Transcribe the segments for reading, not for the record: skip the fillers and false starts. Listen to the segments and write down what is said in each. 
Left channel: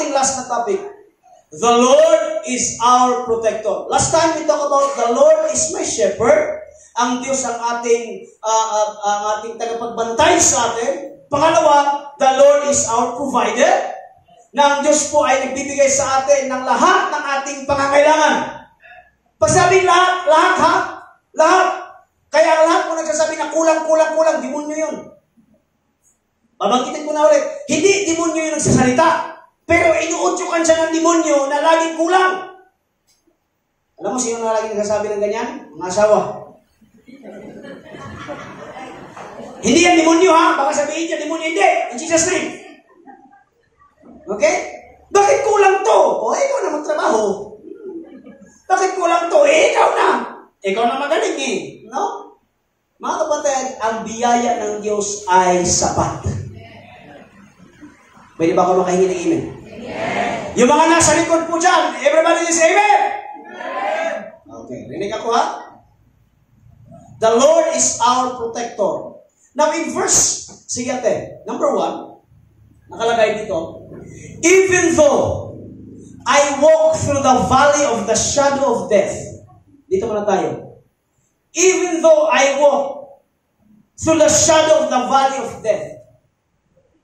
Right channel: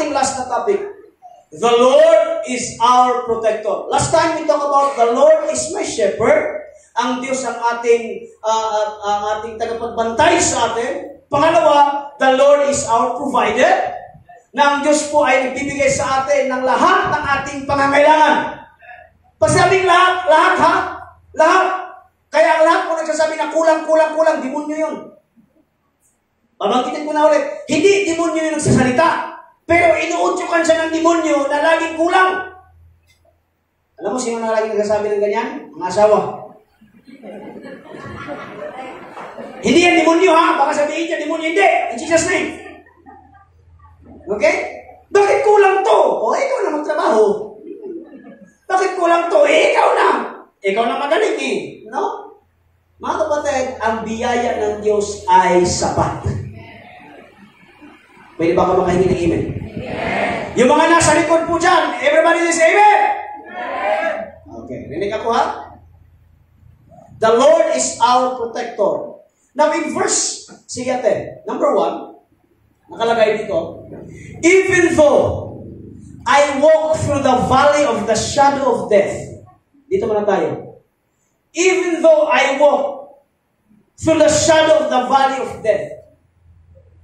ating last na topic. The Lord is our protector. Last time we talk about the Lord is my shepherd. Ang Diyos ang ating tagapagbantay sa atin. Pangalawa, the Lord is our provider. Na ang Diyos po ay nagbibigay sa atin ng lahat ng ating pangangailangan. Pasabing lahat ha? Lahat. Kaya ang lahat po nagsasabi na kulang, demonyo yun. Babangkitin ko na ulit. Hindi demonyo yun sa salita. Pero inuutyukan siya ng demonyo na laging kulang. Alam mo sino na laging nagsasabi ng ganyan? Mga asawa. Hindi yan demonyo ha? Baka sabihin niya demonyo. Hindi. In Jesus' name. Okay? Bakit kulang to? O, ikaw na magtrabaho. Bakit kulang to? Ikaw na. Ikaw na magaling eh. No? Mga kapatid, ang biyaya ng Diyos ay sapat. Pwede ba ako makahingi ng amen? Amen. Yung mga nasa likod po dyan, everybody say amen? Amen. Okay, rinig ako ha? The Lord is our protector. Now in verse, sige ate, number 1, nakalagay dito, even though I walk through the valley of the shadow of death. Dito muna tayo. Even though I walk through the shadow of the valley of death.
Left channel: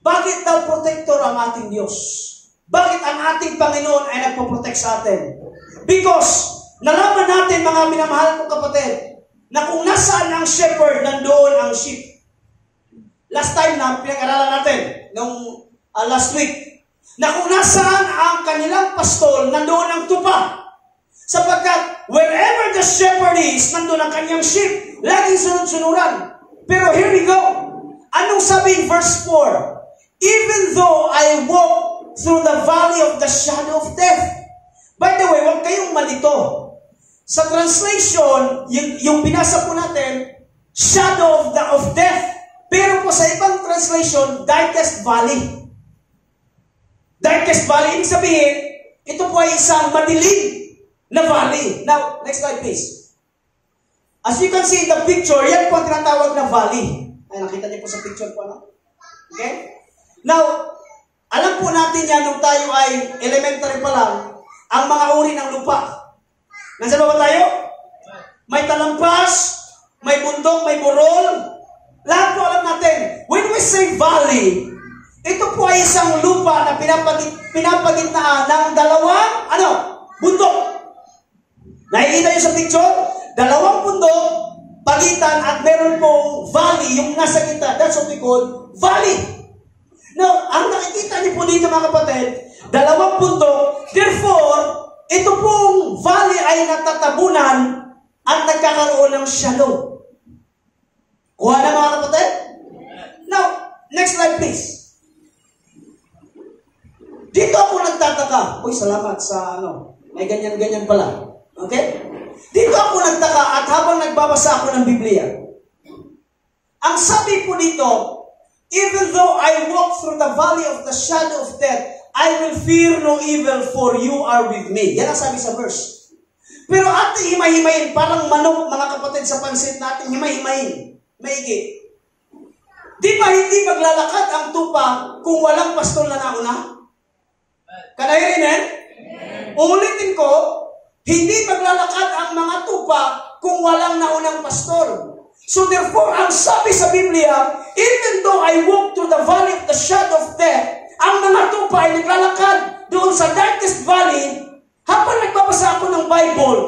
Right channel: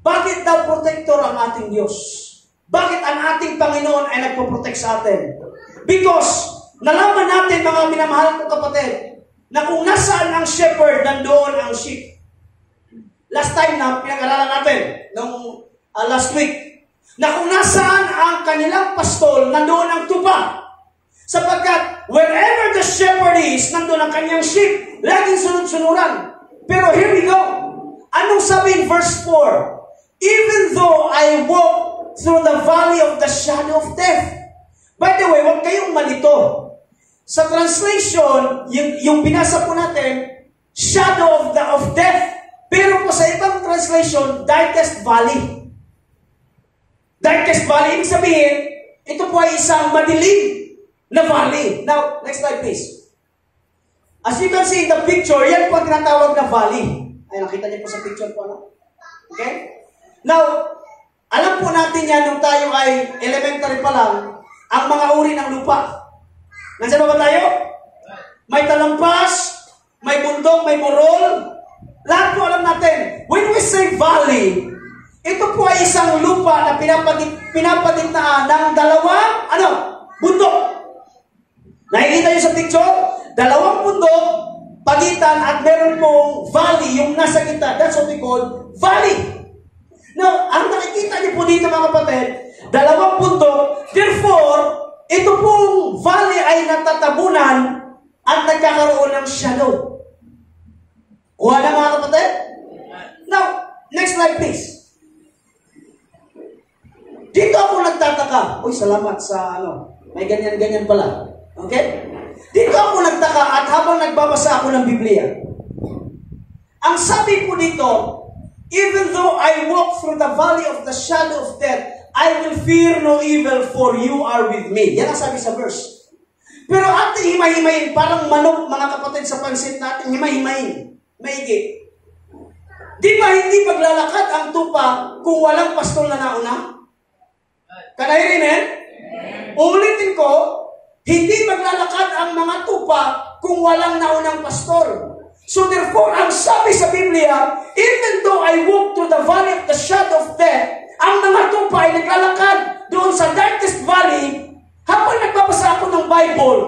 Bakit daw protector ang ating Diyos? Bakit ang ating Panginoon ay nagpo-protect sa atin? Because nalaman natin, mga minamahal kong kapatid, na kung nasaan ang shepherd, nandoon ang sheep. Last time na pinag-aralan natin, nung last week, na kung nasaan ang kanilang pastol, nandoon ang tupa. Sapagkat wherever the shepherd is, nandoon ang kanyang sheep. Laging sunod-sunuran. Pero here we go. Anong sabi in verse 4? Even though I walk through the valley of the shadow of death. By the way, huwag kayong malito. Sa translation, yung binasa po natin, shadow of death. Pero po sa ibang translation, darkest valley. Darkest valley, ibig sabihin, ito po ay isang madilim na valley. Now, next slide please. As you can see in the picture, yan po ang tinatawag na valley. Ay, nakita niyo po sa picture po, no? Okay? Now, alam po natin yan nung tayo ay elementary pa lang, ang mga uri ng lupa. Nandiyan ba tayo? May talampas, may bundok, may burol. Lahat po alam natin. When we say valley, ito po ay isang lupa na pinapagitnaan ng dalawang, bundok. Nakikita niyo sa picture? Dalawang bundok, pagitan at meron pong valley, yung nasa gitna. That's what we call valley. Now, ang nakikita niyo po dito mga kapatid, dalawang bundok, therefore, ito pong valley ay natatabunan at nagkakaroon ng shadow. Kuha na mga kapatid? Now, next slide please. Dito ako nagtataka. Uy, salamat sa may ganyan-ganyan pala. Okay? Dito ako nagtaka at habang nagbabasa ako ng Biblia, ang sabi po dito, even though I walk through the valley of the shadow of death, I will fear no evil, for you are with me. Yan ang sabi sa verse. Pero ating himay-himayin, parang manok, mga kapatid, sa pansit natin, himay-himayin. Maigi. Di ba hindi maglalakad ang tupa kung walang pastol na nauna? Kanahirin eh? Uulitin ko, hindi maglalakad ang mga tupa kung walang naunang pastol. So therefore, ang sabi sa Biblia, even though I walk through the valley of the shadow of death, ang mga tupa ay naglalakad doon sa darkest valley. Habang nagbabasa ako ng Bible,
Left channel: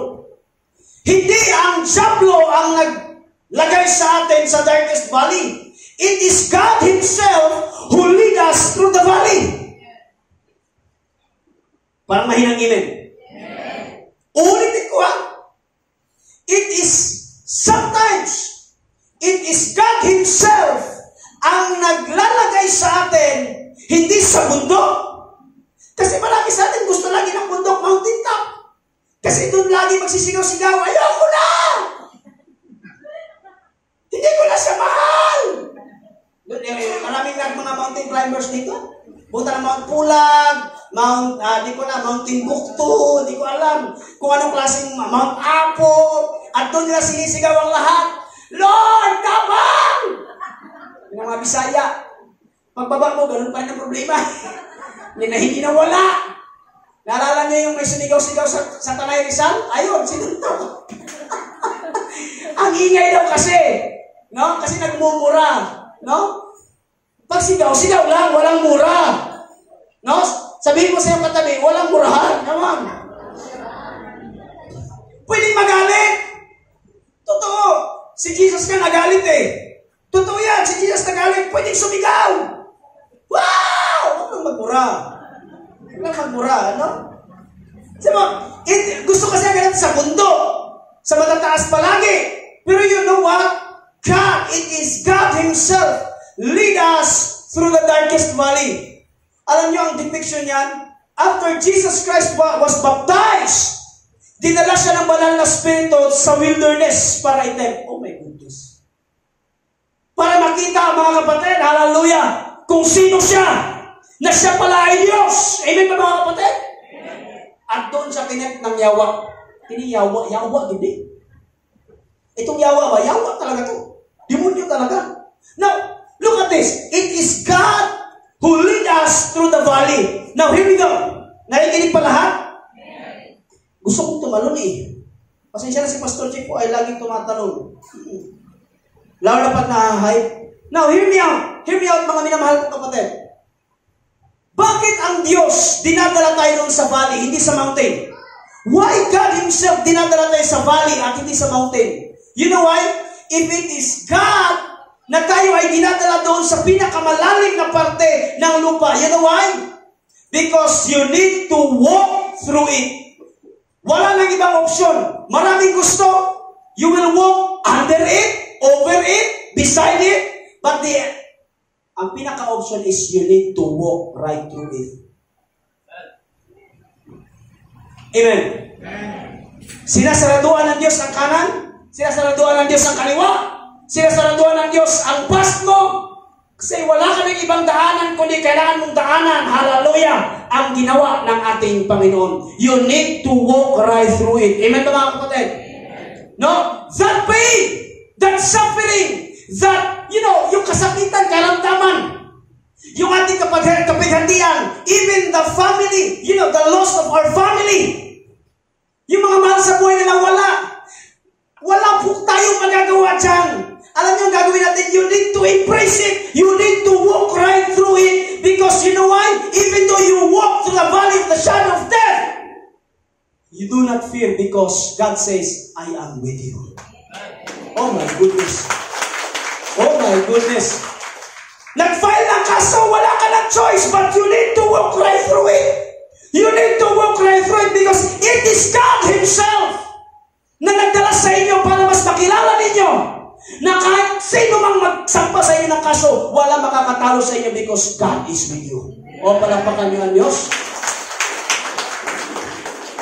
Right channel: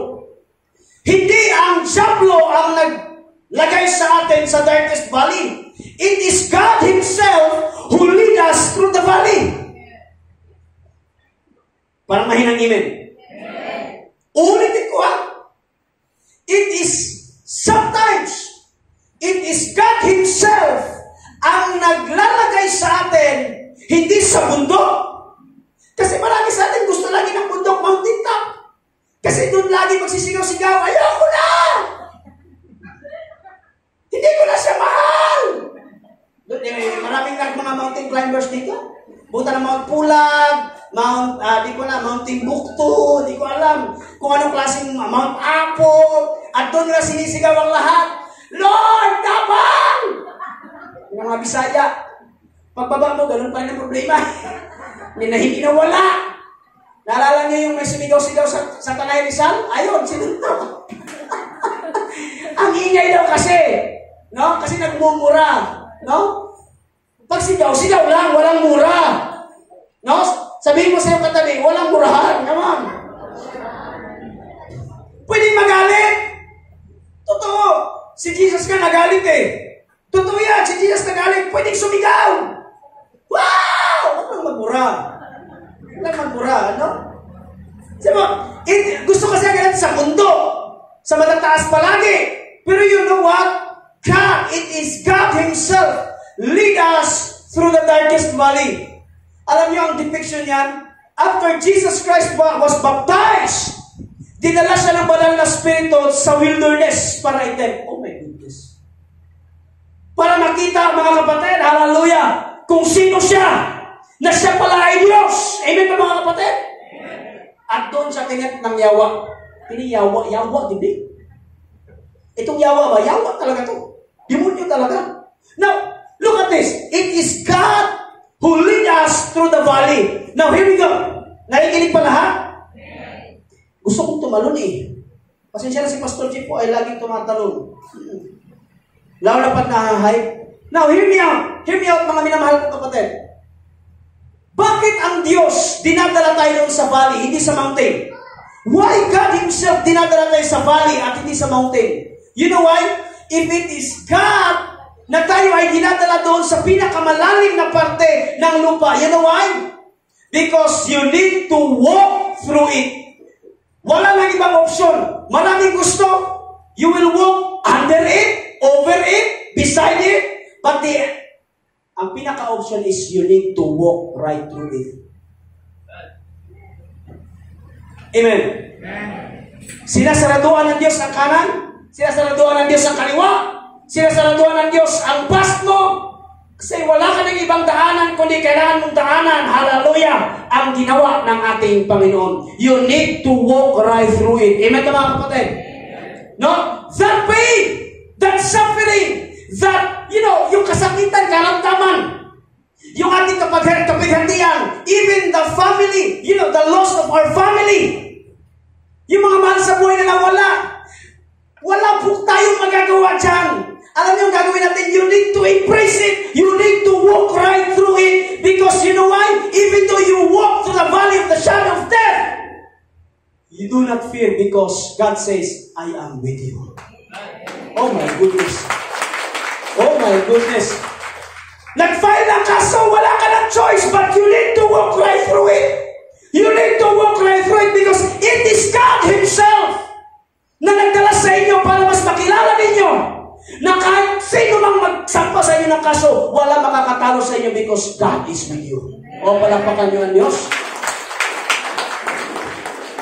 hindi ang diablo ang naglagay sa atin sa darkest valley. It is God Himself who lead us through the valley. Parang mahinang amen. Ulitin ko it is sometimes, it is God Himself ang naglalagay sa atin, hindi sa bundok. Kasi marami sa atin gusto lagi ng bundok, mountain top. Kasi doon lagi magsisigaw-sigaw, ayoko na! Hindi ko na siya mahal! Maraming mga mountain climbers dito. Punta na Mount Pulag, Mount Timbuktu, di ko alam kung anong klaseng Mount Apo, at doon na sinisigaw ang lahat, Lord, tabang! Yung mga Bisaya. Pagbaba mo, ganun pa rin ang problema. Hindi na wala. Naalala niyo yung may sumigaw-sigaw sa Tanay Rizal? Ayun, sinuntok. Ang ingay daw kasi. No? Kasi nagmumura. No? Pag sigaw lang, walang mura. No? Sabihin mo sa iyong katabi, walang murahan. Naman. Pwede magalit. Totoo. Si Jesus ka nagalit eh. Totoo yan. Si Jesus nagalit. Pwede sumigaw. Wow! Walang magmura. Walang magmura, no? Sabi mo, gusto kasi agad sa mundo. Sa matataas palagi. Pero you know what? God, it is God Himself lead us through the darkest valley. Alam niyo ang depiction niyan? After Jesus Christ was baptized, dinala siya ng banal na spirito sa wilderness para i-tempt. Oh my goodness. Para makita mga kapatid, hallelujah, kung sino siya, na siya pala ay Diyos. Amen ba mga kapatid? At doon siya kinet ng yawa. Yawa, hindi. Itong yawa ba? Yawa talaga to. Demonyo talaga. Now, look at this. It is God who lead us through the valley. Now, here we go. Nakikinig pa lahat? Gusto kong tumalon eh. Pasensya na si Pastor Chief po ay laging tumatalon. Lalo na pag na-hype. Now, hear me out. Hear me out mga minamahal kong kapatid. Bakit ang Diyos dinadala tayo doon sa valley, hindi sa mountain? Why God Himself dinadala tayo sa valley at hindi sa mountain? You know why? If it is God na tayo ay dinadala doon sa pinakamalalim na parte ng lupa, you know why? Because you need to walk through it. Wala nang ibang option. Maraming gusto. You will walk under it, over it, beside it, but ang pinaka-option is you need to walk right through it. Amen. Sinasaraduan ng Diyos ang kanan, sinasaraduan ng Diyos ang kaliwa, sinasaraduan ng Diyos ang past mo, kasi wala ka ng ibang daanan, kundi kailangan mong daanan, hallelujah, ang ginawa ng ating Panginoon. You need to walk right through it. Amen ba mga kapatid? No? That pain, that suffering, that, yung kasakitan, karamdaman, yung ating kapighatian, even the family, the loss of our family, yung mga mahal sa buhay na nawala, wala po tayong magagawa dyan. Alam niyo ang gagawin natin, you need to embrace it, you need to walk right through it, because you know why? Even though you walk through the valley of the shadow of death, you do not fear because God says, I am with you. Oh my goodness. Oh my goodness. Nag-file ng kaso, wala ka ng choice, but you need to walk right through it. You need to walk right through it because it is God Himself na nagdala sa inyo para mas makilala ninyo na kahit sino mang magsampa sa inyo ng kaso, wala makakatalo sa inyo because God is with you. O palampakan niyo ang Diyos.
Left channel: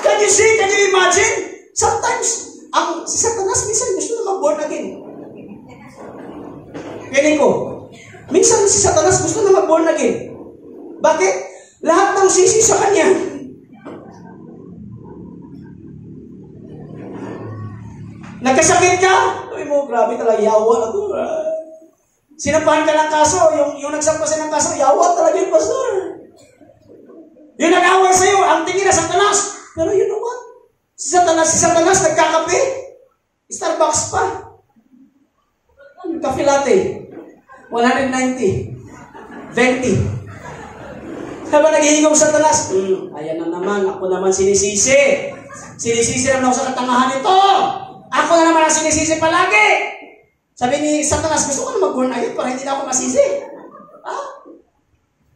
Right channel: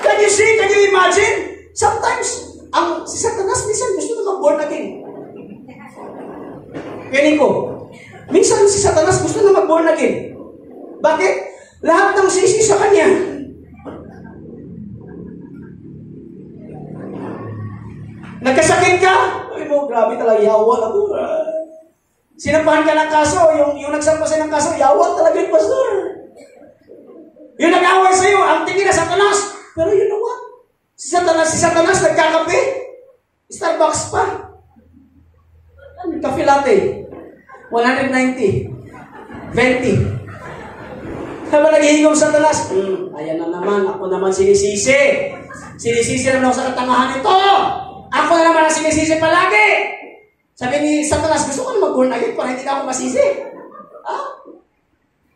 Can you see? Can you imagine? Sometimes, si Satanas minsan gusto na mag-born again. Piling ko, minsan si Satanas gusto na mag-born again. Bakit? Lahat ng sisi sa kanya. Nagkasakit ka? Sabi mo, grabe talaga, yawa ako. Sinampahan ka ng kaso, yung nagsampa sa ng kaso, yawa talaga yung pastor. Yung nag-away sa'yo, ang tingin na Satanas. Pero you know what? Si Satanas nagkakape. Starbucks pa. Cafe latte. 190. 20. Habang naghihingong Satanas, ayan na naman, ako naman sinisisi. Sinisisi naman ako sa katangahan ito. Ako na naman ang sinisisi palagi. Sabi ni Satanas, gusto ko mag-born again para hindi na ako masisi.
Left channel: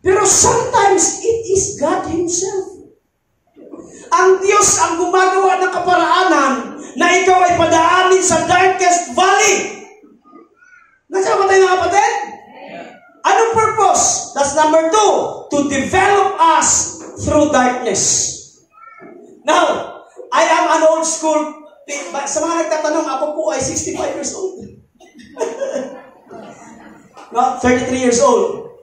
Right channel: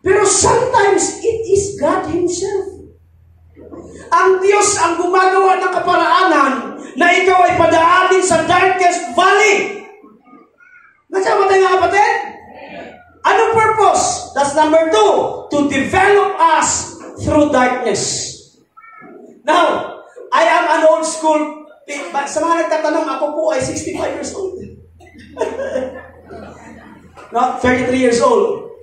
Pero sometimes, it is God Himself. Ang Diyos ang gumagawa ng kaparaanan na ikaw ay padaanin sa darkest valley. Nandiyan ba tayo mga kapatid? Anong purpose? That's number 2. To develop us through darkness. Now, I am an old school. Sa mga nagtatanong, ako po ay 65 years old. No, 33 years old.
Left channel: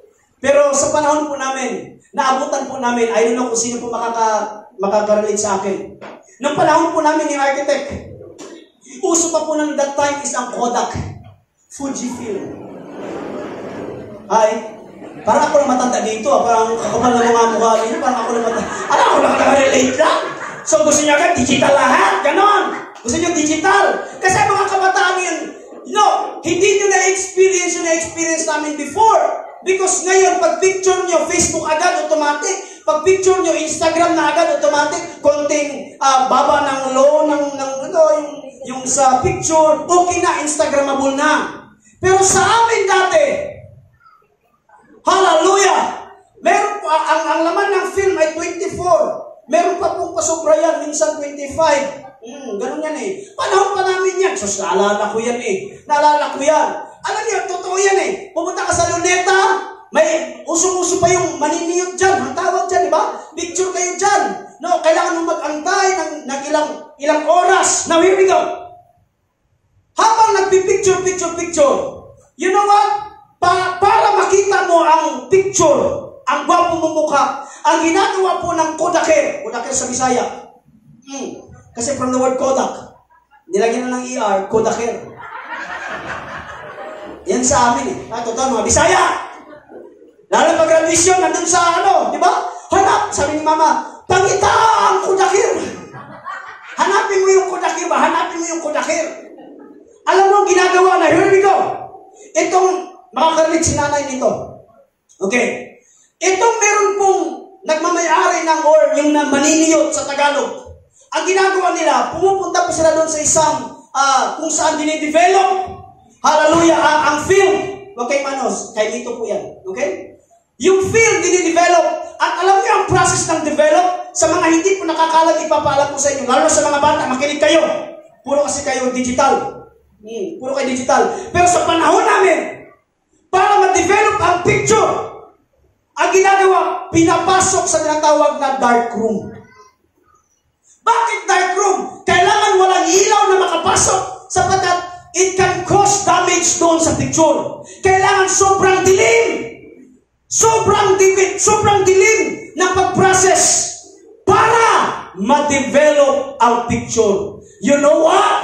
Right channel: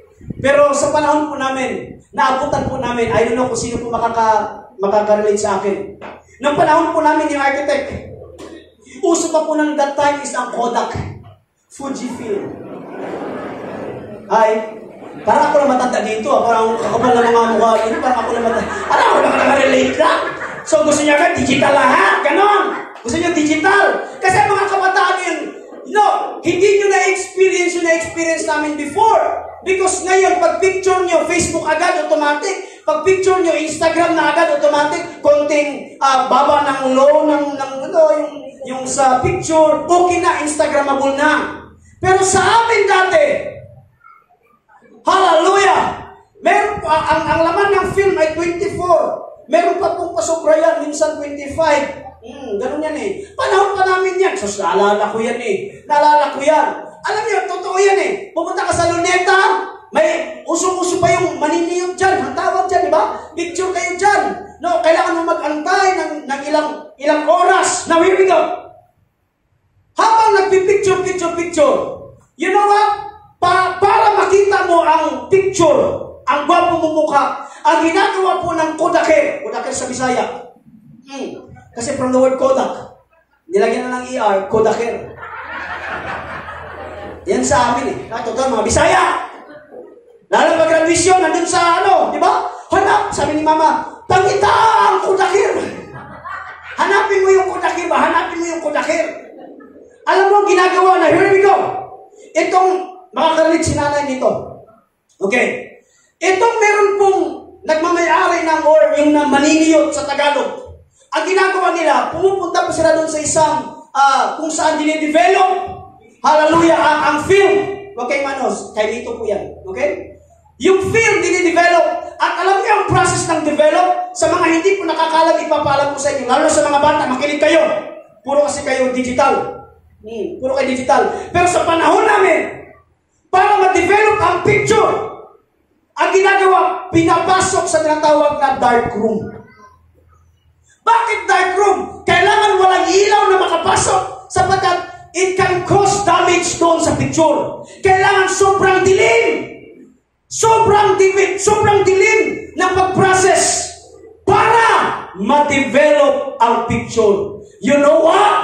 Pero sa panahon po namin, naabutan po namin, I don't know kung sino po makaka-relate sa akin. Nung panahon po namin yung architect, uso pa po ng that time is ang Kodak. Fujifilm. Hi. Parang ako lang matanda dito. Parang kakapal na mga mukha dito. Parang ako lang matanda. Alam ko lang relate lang. So gusto niya agad digital lahat. Ganon. Gusto niyo digital. Kasi mga kabataan yun, hindi nyo na-experience yung na-experience namin before. Because ngayon, pag picture nyo, Facebook agad, automatic. Pag picture nyo, Instagram na agad, automatic. Konting baba ng low, yung sa picture, okay na, Instagramable na. Pero sa amin dati, hallelujah, meron po, ang laman ng film ay 24. Meron pa pong pasobra yan, minsan 25. Ganun yan eh. Panahon pa namin yan. So, naalala ko yan eh. Naalala ko yan. Alam niyo, totoo yan eh. Pumunta ka sa Luneta, may uso-uso pa yung maniniyot dyan. Ang tawag dyan, di ba? Picture kayo dyan. No, kailangan mo mag-antay ng ilang oras. Now, here we go. Habang nagpipicture, you know what? Para makita mo ang picture, ang gwapo mong mukha, ang ginagawa po ng Kodaker sa Bisaya. Kasi from the word Kodak, nilagyan na ng ER, Kodaker. Yan sa amin eh. Totoo mga Bisaya. Lalo pag graduation, nandun sa di ba? Hanap, sabi ni Mama, tangita ang Kodaker. Hanapin mo yung Kodaker ba? Hanapin mo yung Kodaker. Alam mo ang ginagawa na, here we go. Itong, makakarinig si nanay nito. Okay. Itong meron pong nagmamayari ng or yung maniniyot sa Tagalog. Ang ginagawa nila, pumupunta pa sila doon sa isang kung saan dinidevelop, hallelujah, ang film. Okay, manos, kay dito po yan. Okay? Yung film dinidevelop. At alam niyo ang process ng develop, sa mga hindi po nakakalam, ipapaalam ko sa inyo. Lalo sa mga bata, makinig kayo. Puro kasi kayo digital. Puro kayo digital. Pero sa panahon namin, para ma-develop ang picture, ang ginagawa, pinapasok sa tinatawag na dark room. Bakit dark room? Kailangan walang ilaw na makapasok sapagkat it can cause damage doon sa picture. Kailangan sobrang dilim. Sobrang dilim ng pag-process para ma-develop ang picture. You know what?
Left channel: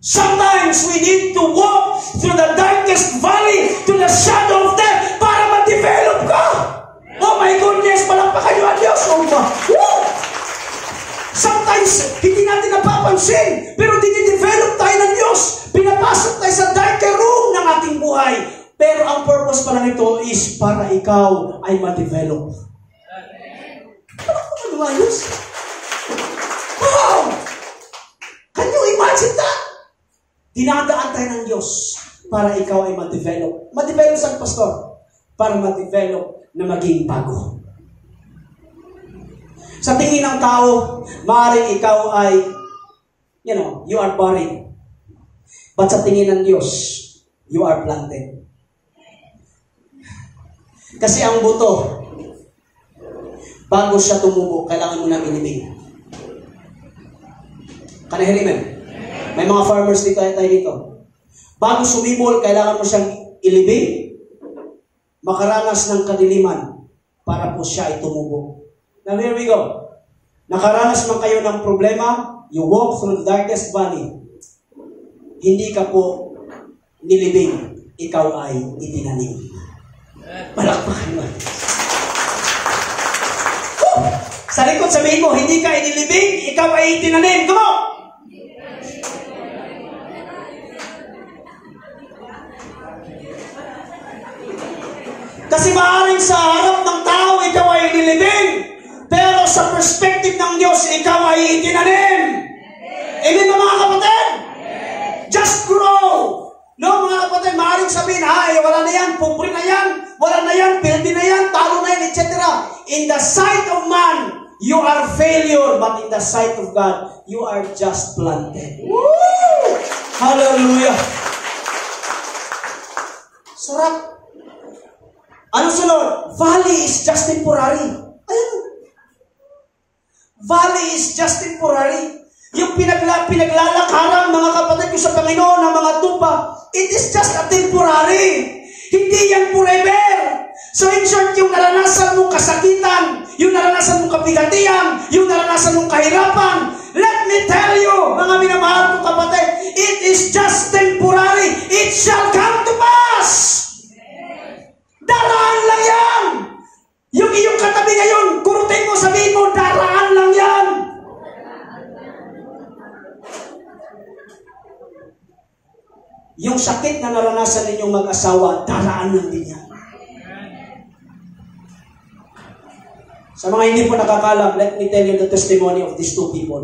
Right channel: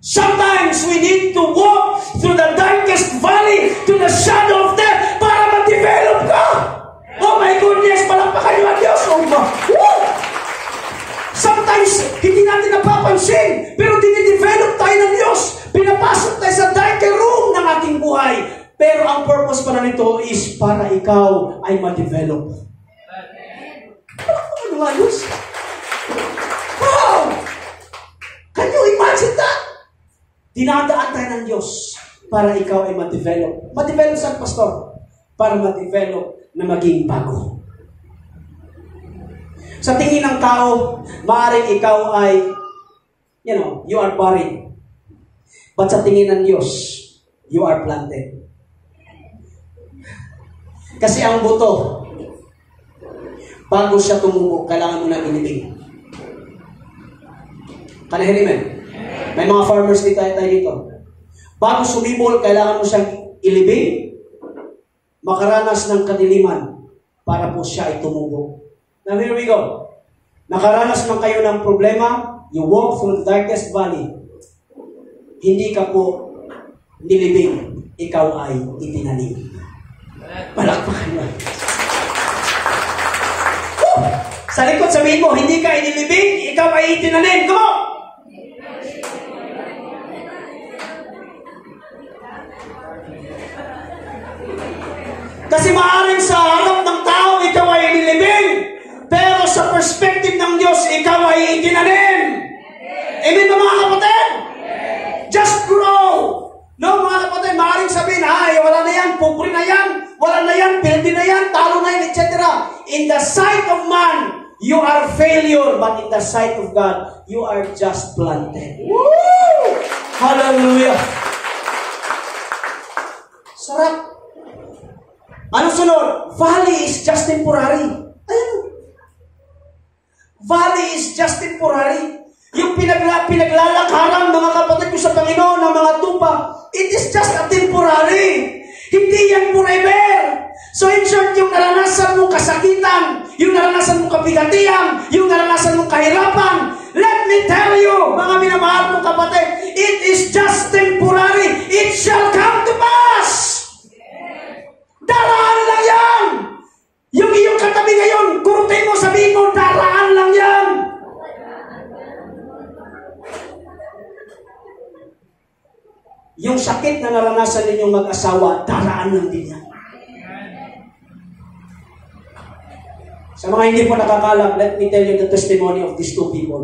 Sometimes we need to walk through the darkest valley to the shadow of death para ma-develop ka. Oh my goodness, palakpakan niyo ang Diyos. Sometimes, hindi natin napapansin, pero dinidevelop tayo ng Diyos. Pinapasok tayo sa darker room ng ating buhay. Pero ang purpose pala nito is para ikaw ay ma-develop. Ano nga yun? Wow! Can you imagine that? Dinadaan tayo ng Diyos para ikaw ay ma-develop. Ma-develop saan, Pastor? Para ma-develop na maging bago. Sa tingin ng tao, maaaring ikaw ay, you are buried. But sa tingin ng Diyos, you are planted. Kasi ang buto, bago siya tumubo, kailangan mo nang inibig. Kanahirimen? May mga farmers dito tayo dito. Bago sumibol, kailangan mo siyang ilibing, makaranas ng kadiliman para po siya ay tumubo. Now here we go. Nakaranas man kayo ng problema, you walk through the darkest valley. Hindi ka po nilibing, ikaw ay itinanim. Palakpakan na. Sa likod sabihin mo, hindi ka inilibing, ikaw ay itinanim. Come on! Kasi maaaring sa harap ng tao, ikaw ay inilibing. Pero sa perspective ng Diyos, ikaw ay itinanim. Amen ba mga kapatid? Just grow. No, mga kapatid, maaaring sabihin, wala na yan, pobre na yan, wala na yan, pildi na yan, talo na yan, etc. In the sight of man, you are failure, but in the sight of God, you are just planted. Woo! Hallelujah! Sarap. Ano sunod? Valley is just temporary. Ayan. Valley is just temporary. Yung pinaglalakaran, mga kapatid ko sa Panginoon, ng mga tupa, it is just a temporary. Hindi yan forever. So in short, yung naranasan mong kasakitan, yung naranasan mong kabigatian, yung naranasan mong kahirapan, let me tell you, mga minamahal mong kapatid, it is just temporary. It shall come to pass. Daraan lang yan. yung sakit na naranasan ninyong mag-asawa, daraan lang din yan. Sa mga hindi po nakakalap, let me tell you the testimony of these two people.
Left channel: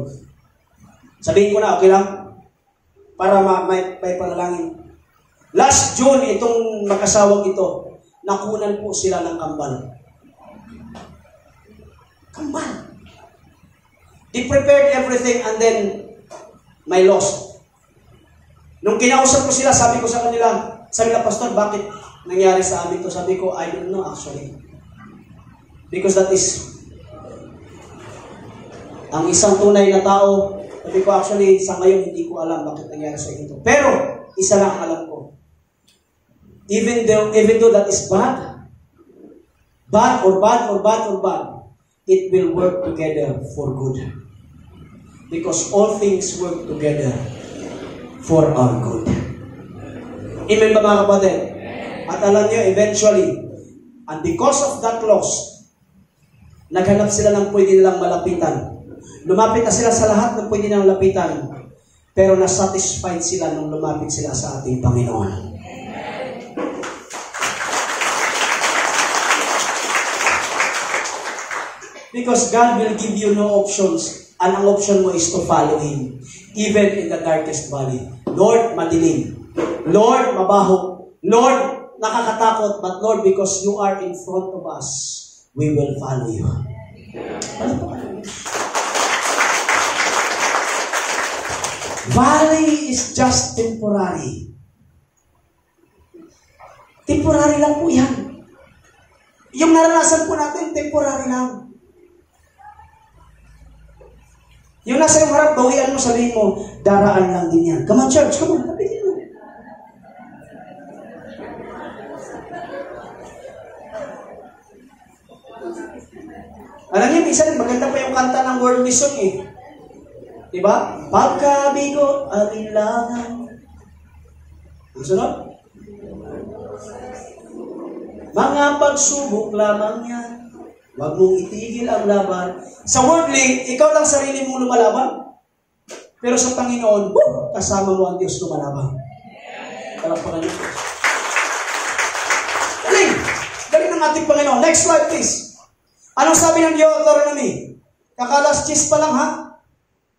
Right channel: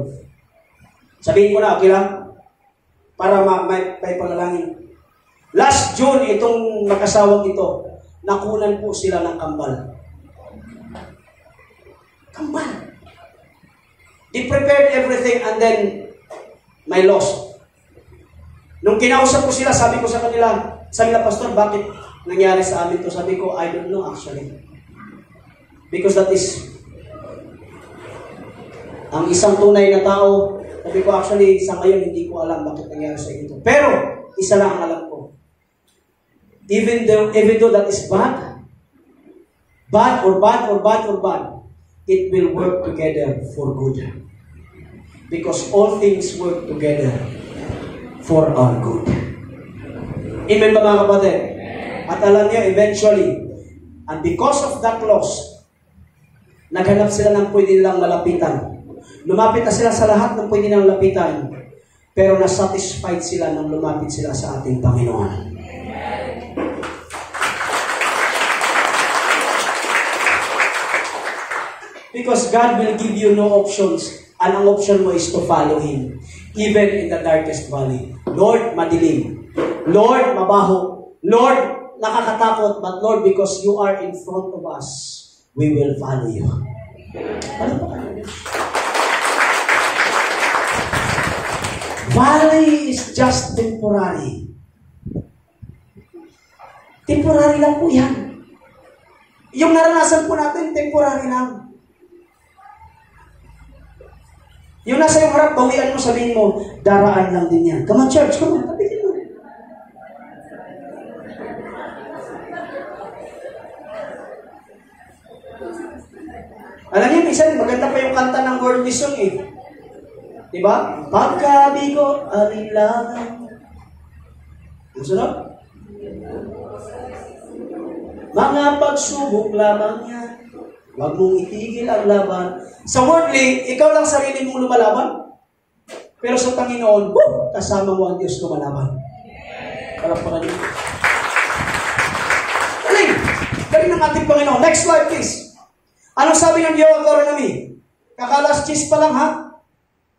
Sabihin ko na, okay lang? Para may panalangin. Last June, itong mag-asawang ito, nakunan po sila ng kambal. Kambal. They prepared everything and then may loss. Nung kinausap ko sila, sabi ko sa kanila, Pastor, bakit nangyari sa amin to? Sabi ko, I don't know actually. Because that is ang isang tunay na tao. Sabi ko, actually, sa ngayon, hindi ko alam bakit nangyari sa ito. Pero, isa lang ang alam ko. Even though that is bad, it will work together for good. Because all things work together for our good. Amen ba mga kapatid? At alam niyo, eventually, and because of that loss, naghanap sila ng pwede nilang malapitan. Lumapit na sila sa lahat ng pwede nilang lapitan. Pero nasatisfied sila nang lumapit sila sa ating Panginoon. Because God will give you no options. And ang option mo is to follow Him. Even in the darkest valley. Lord, madilim. Lord, mabaho. Lord, nakakatakot. But Lord, because you are in front of us, we will follow you. Valley is just temporary. Temporary lang po yan. Yung naranasan po natin, temporary lang. Yung nasa yung harap, bawian mo, sabihin mo, daraan lang din yan. Come on, church, come on, kapigin mo. Alam niyo, minsan, maganda pa yung kanta ng world mission eh. Diba? Pagkabigot, alinlangan. Ang sunod? Mga pagsubok lamang yan. Huwag mong itigil ang laban. Sa worldly, ikaw lang sarili mong lumalaban. Pero sa Panginoon, kasama mo ang Diyos lumalaban. Palakpakan niyo. Galing! Galing ng ating Panginoon. Next slide, please. Anong sabi ng Deuteronomy? Kakalas cheese pa lang, ha?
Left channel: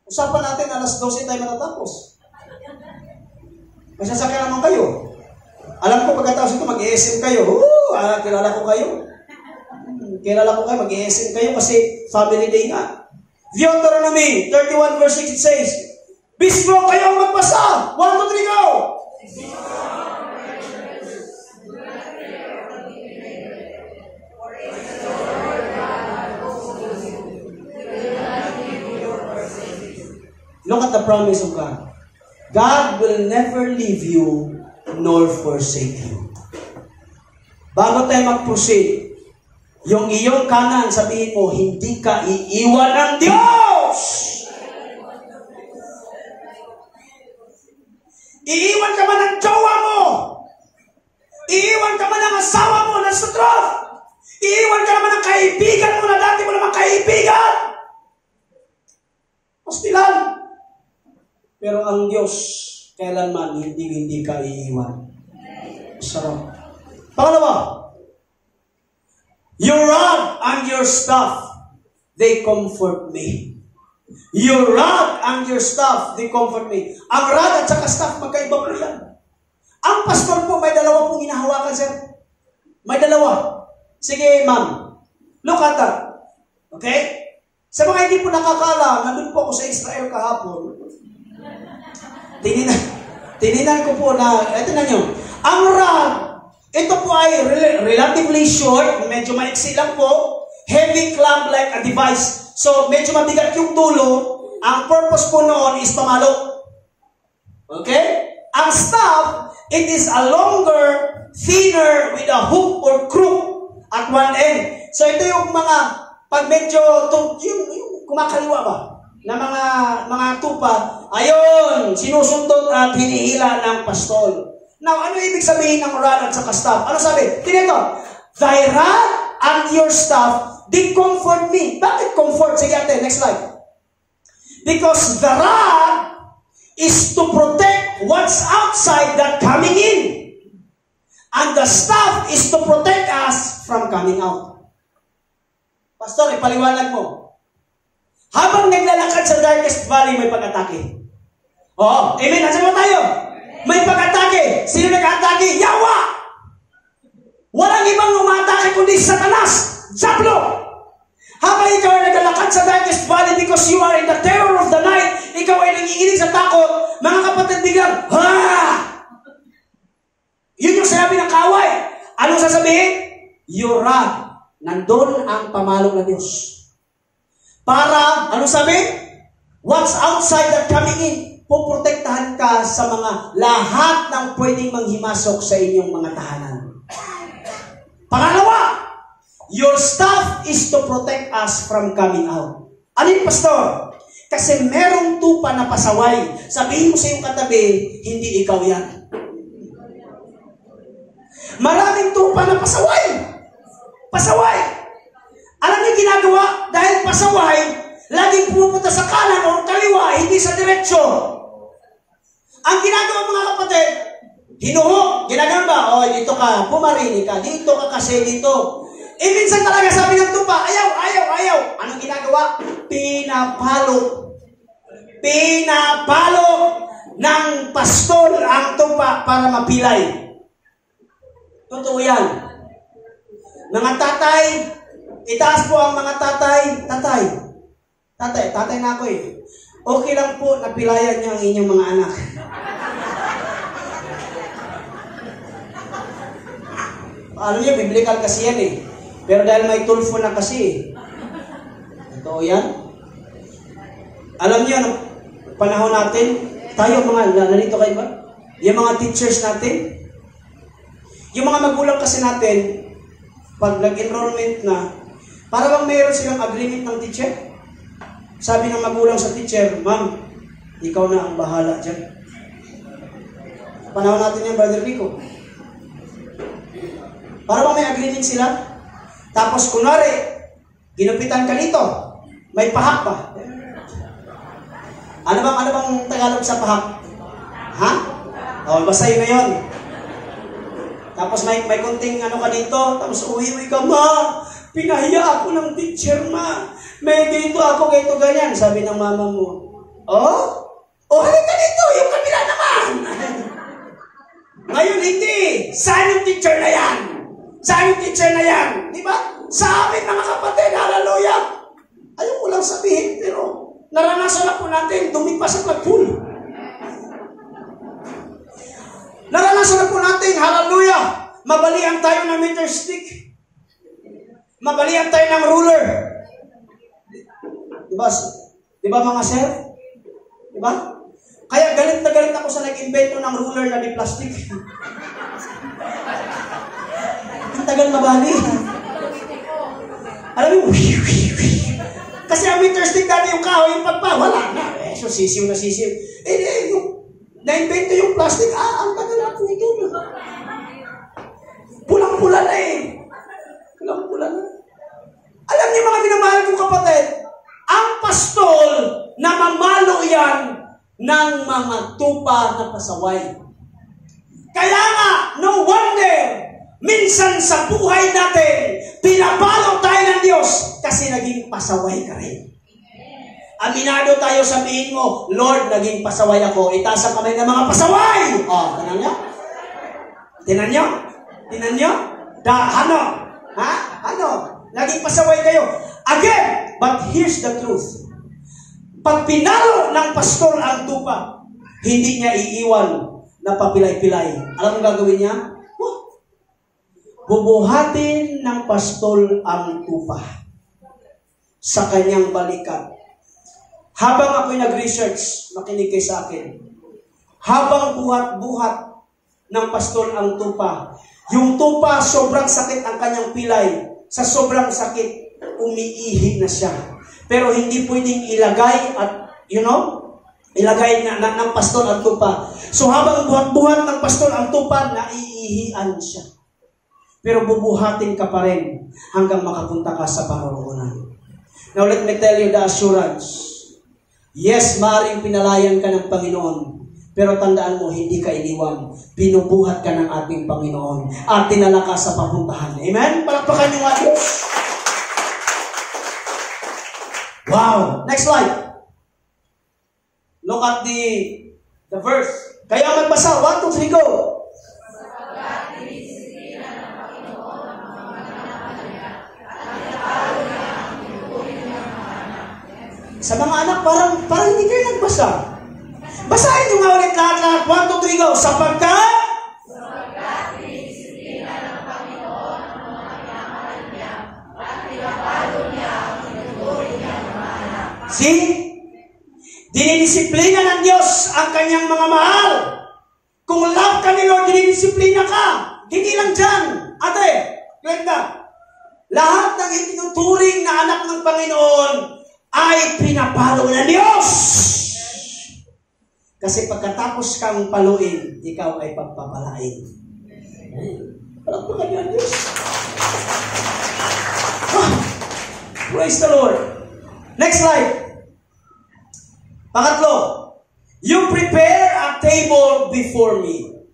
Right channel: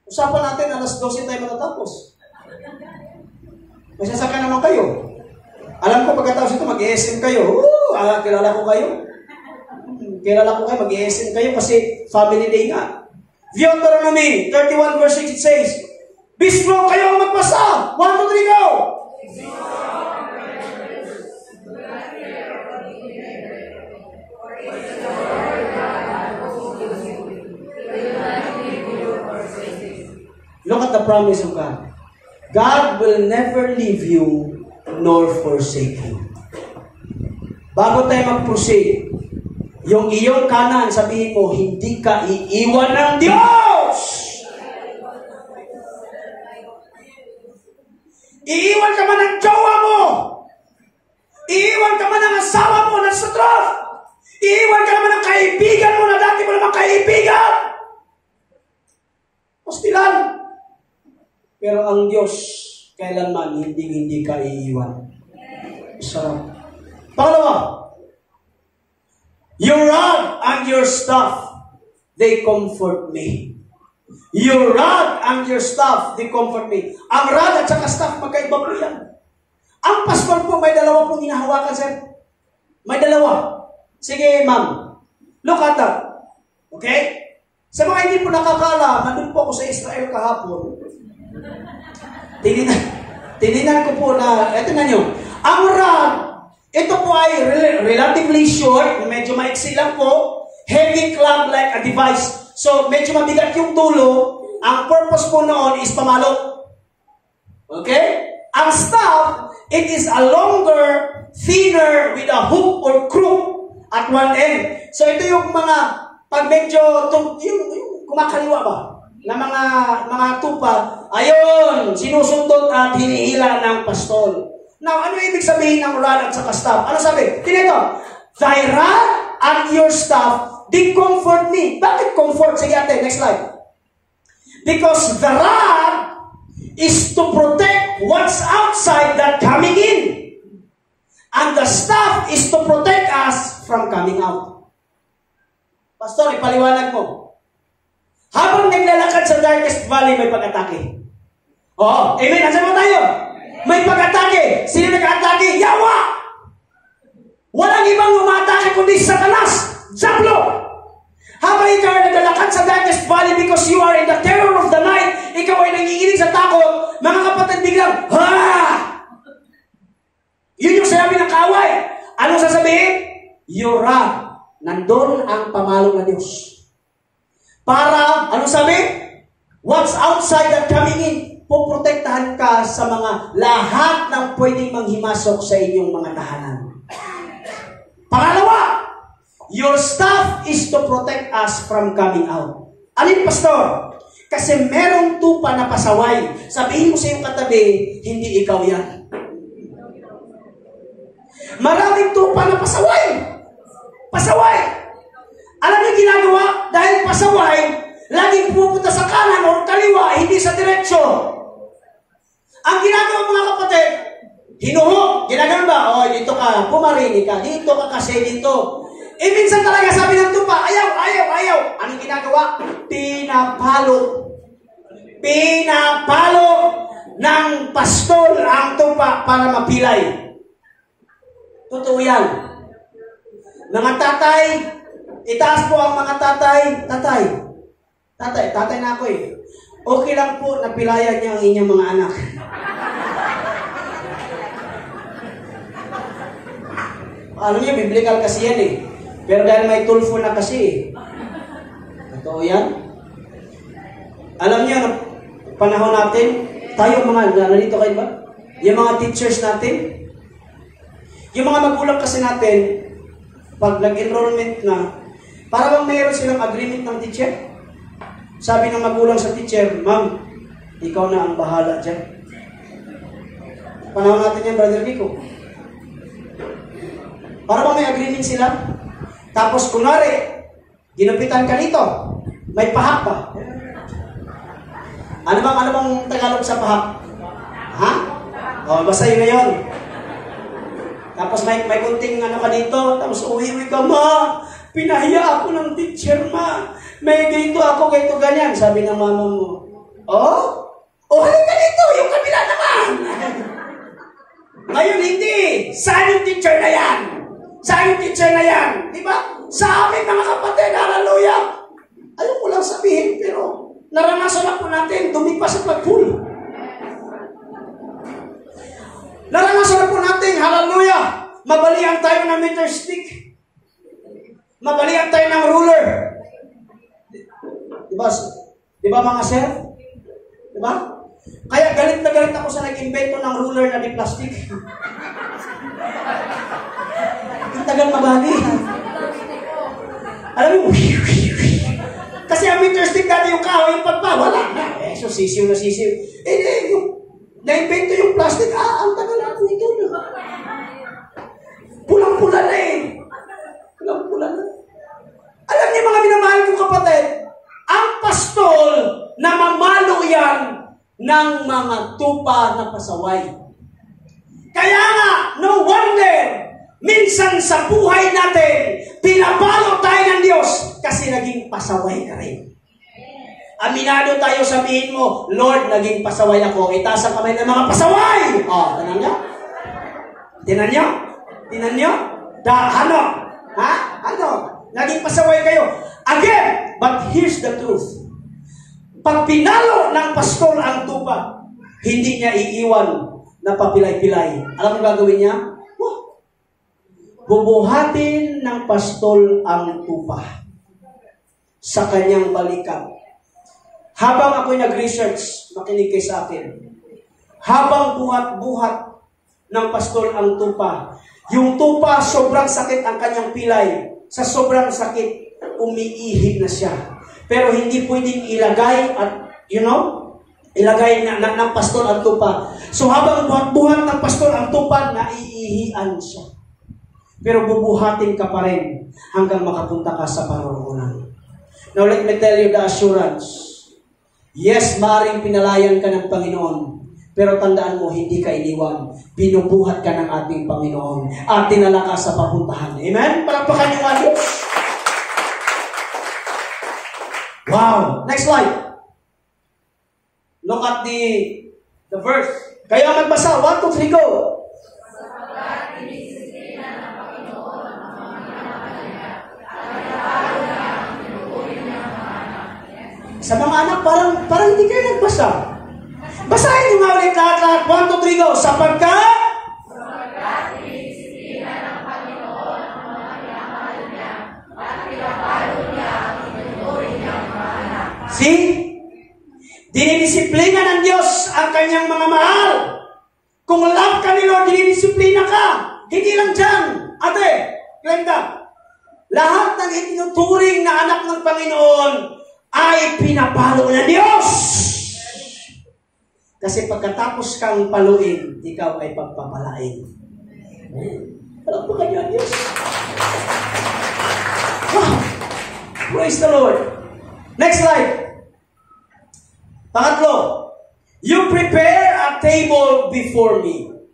Usapan natin, alas 12 tayo matatapos. May sasakyan naman kayo. Alam ko, pagkatapos ito, mag-ESM kayo. Kilala ko kayo. Mag-ESM kayo kasi family day nga. Deuteronomy 31 verse 6, it says, be strong kayo ang magpasa. 1, 2, 3, go! Look at the promise of God. God will never leave you nor forsake you. Bago tayo mag-proceed, yung iyong kanan, sabihin mo, hindi ka iiwan ng Diyos! Iiwan ka man ng jowa mo! Iiwan ka man ng asawa mo na sutra! Iiwan ka naman ng kaibigan mo na dati mo naman kaibigan! Hostilan! Pero ang Diyos, kailanman, hindi ka iiwan. Sarap. Pangalawa, your rod and your staff, they comfort me. Your rod and your staff, they comfort me. Ang rod at saka staff, magkaiba po yan. Ang pastor po, may dalawa pong hinahawakan, sir. May dalawa. Sige, ma'am. Look at that. Okay? Sa mga hindi po nakakala, nandun po ako sa Israel kahapon. Tininan ko po na, eto na nyo, ang rod, ito po ay relatively short, medyo maiksi lang po, heavy clamp like a device. So, medyo mabigat yung tulo, ang purpose po noon is pamalo. Okay? Ang staff, it is a longer, thinner, with a hook or crook at one end. So, ito yung mga, pag medyo, yung kumakaliwa ba? Na mga tupa, ayun, sinusundot at hinihila ng pastol. Now, ano ibig sabihin ng rod at saka staff? Ano sabi? Tinito, thy rod and your staff, they comfort me. Bakit comfort? Sige ate, next slide. Because the rod is to protect what's outside that coming in. And the staff is to protect us from coming out. Pastor, ipaliwanag mo. Habang naglalakad sa darkest valley, may pag-atake. Oo, amen. Andiyan mo tayo? May pag-atake. Sino nag-atake? Yawa! Walang ibang umatake kundi Satanas. Diablo! Habang ikaw ay naglalakad sa darkest valley because you are in the terror of the night, ikaw ay nanginginig sa takot, mga kapatid biglang, ha! Yun yung sabi ng kaway. Anong sasabihin? You run. Nandun ang pamalo ng Diyos. Para, anong sabi? What's outside that coming in? Puprotektahan ka sa mga lahat ng pwedeng manghimasok sa inyong mga tahanan. Pangalawa, your staff is to protect us from coming out. Ano yung pastor? Kasi merong tupa na pasaway. Sabihin mo sa iyong katabi, hindi ikaw yan. Maraming tupa na pasaway. Pasaway. Alam niyo ginagawa? Dahil pasaway, laging pupunta sa kanan o kaliwa, hindi sa diretsyo. Ang ginagawa mga kapatid, hinuhog. Ginagawa ba? O, dito ka, pumarini ka. Dito ka kasi dito. Minsan talaga sabi ng tupa, ayaw. Anong ginagawa? Pinapalo. Pinapalo ng pastol ang tupa para mapilay. Totoo yan. Mga tatay, itaas po ang mga tatay. Tatay na ako eh. Okay lang po na pilayan niyo ang inyong mga anak. Alam niyo, biblical kasi yan eh. Pero dahil may tulfo na kasi eh. Totoo yan. Alam niyo, panahon natin, tayo mga, narito kayo ba? Yung mga teachers natin, yung mga magulang kasi natin, pag nag-enrollment na, para bang mayroon silang agreement ng teacher? Sabi ng magulang sa teacher, Ma'am, ikaw na ang bahala dyan. Panahon natin yan, Brother Rico. Para bang may agreement sila? Tapos kunwari, ginupitan ka nito, may pahak pa. Ano bang Tagalog sa pahak? Ha? O, basta yun na yun. Tapos may kunting ano ka dito, tapos uwi ka, Ma, pinahiya ako ng teacher, Ma. May ganito ako, ganito, ganyan. Sabi ng mama mo, halika dito, yung kabila naman. Ngayon, hindi. Saan yung teacher na yan? Saan yung teacher na yan? Di ba? Sa amin, mga kapatid, hallelujah. Ayaw ko lang sabihin, pero naranasan na po natin, dumipa sa pagpulo. Naranasan na po natin, hallelujah. Mabalian tayo ng meter stick. Mabalian tayo ng ruler. Diba mga sir? Diba? Kaya galit na galit ako sa nag-invento ng ruler na di plastic. Ang tagal mabali. Alam mo, kasi ang meter stick dati yung kahoy, yung pagpawala na. So sisiw na sisiw. Yung na-invento yung plastic, ang tagal po ito na. Pulang-pula na eh. Pulang-pula na. Alam niyo mga minamahal kong kapatid, ang pastol na mamalo yan ng mga tupa na pasaway. Kaya nga, no wonder, minsan sa buhay natin, pinapalo tayo ng Diyos kasi naging pasaway ka rin. Aminado tayo, sabihin mo, Lord, naging pasaway ako. Itaas ang kamay ng mga pasaway. Tinan niyo? Tinan niyo? Tinan niyo? Ano? Ha? Ano? Naging pasaway kayo. Again, but here's the truth. Pag pinalo ng pastol ang tupa, hindi niya iiwan na papilay-pilay. Alam mo gagawin niya? Bubuhatin ng pastol ang tupa sa kanyang balikat. Habang ako'y nag-research, makinig kayo sa akin. Habang buhat-buhat ng pastol ang tupa, yung tupa, sobrang sakit ang kanyang pilay. Sa sobrang sakit, umiihi na siya. Pero hindi pwedeng ilagay at, ilagay ng pastol ang tupa. So habang buhat-buhat ng pastol ang tupa, naiihian siya. Pero bubuhatin ka pa rin hanggang makapunta ka sa paroroonan. Now let me tell you the assurance. Yes, maaaring pinalayan ka ng Panginoon. Pero tandaan mo, hindi ka iniwan. Binubuhat ka ng ating Panginoon. At dinala ka sa papuntahan. Amen? Palakpakan niyo nga Diyos. Wow! Next slide. Look at the verse. Kaya magbasa. 1, 2, 3, go! Sa mga anak, parang hindi kayo nagbasa. Basahin nyo nga ulit lahat. 1, 2, 3, go. Sapagkat dinidisiplina ng Panginoon ang mga pinamahal niya at pinapalo niya ang tinuturing niyang mga anak. See? Dinidisiplina ng Diyos ang kanyang mga mahal. Kung love ka ni Lord, dinidisiplina ka. Hindi lang dyan. Ate, Glenda, lahat ng itinuturing na anak ng Panginoon ay pinapalo ng Diyos. Kasi pagkatapos kang paluin, ikaw ay pagpapalain. Palakpakan niyo ang Diyos. Wow. Praise the Lord. Next slide. Pangatlo, you prepare a table before me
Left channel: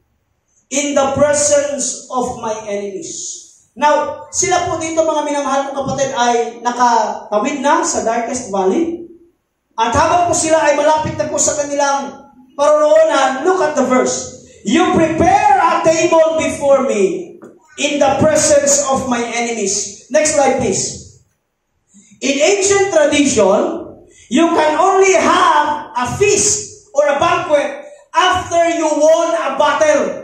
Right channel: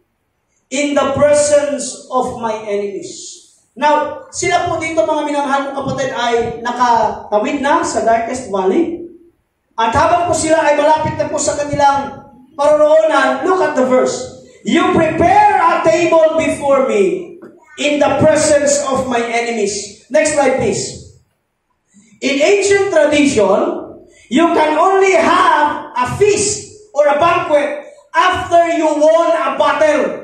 in the presence of my enemies. Now, sila po dito mga minamahal kong kapatid ay nakatawid na sa darkest valley. At habang po sila ay malapit na po sa kanilang paroroonan, look at the verse. You prepare a table before me in the presence of my enemies. Next slide, please. In ancient tradition, you can only have a feast or a banquet after you won a battle.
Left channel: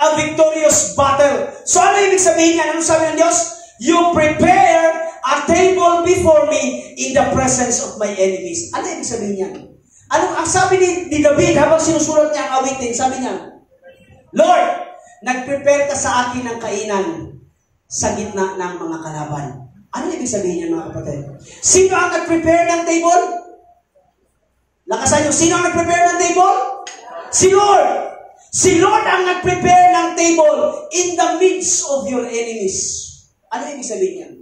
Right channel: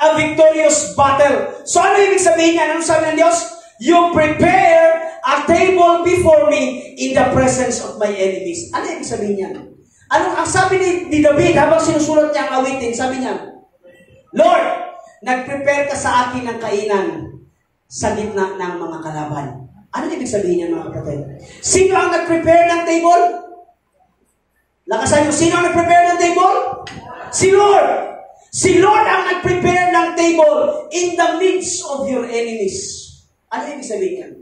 A victorious battle. So ano ibig sabihin niya? Ano sabi ng Diyos? You prepare a table before me in the presence of my enemies. Ano ibig sabihin niya? Ang sabi ni David habang sinusulat niya ang awitin, sabi niya, Lord, nag-prepare ka sa akin ng kainan sa gitna ng mga kalaban. Ano ibig sabihin niya mga kapatid? Sino ang nag-prepare ng table? Lakasan niyo, sino ang nag-prepare ng table? Si Lord. Si Lord ang nag-prepare ng table in the midst of your enemies. Ano ibig sabihin yan?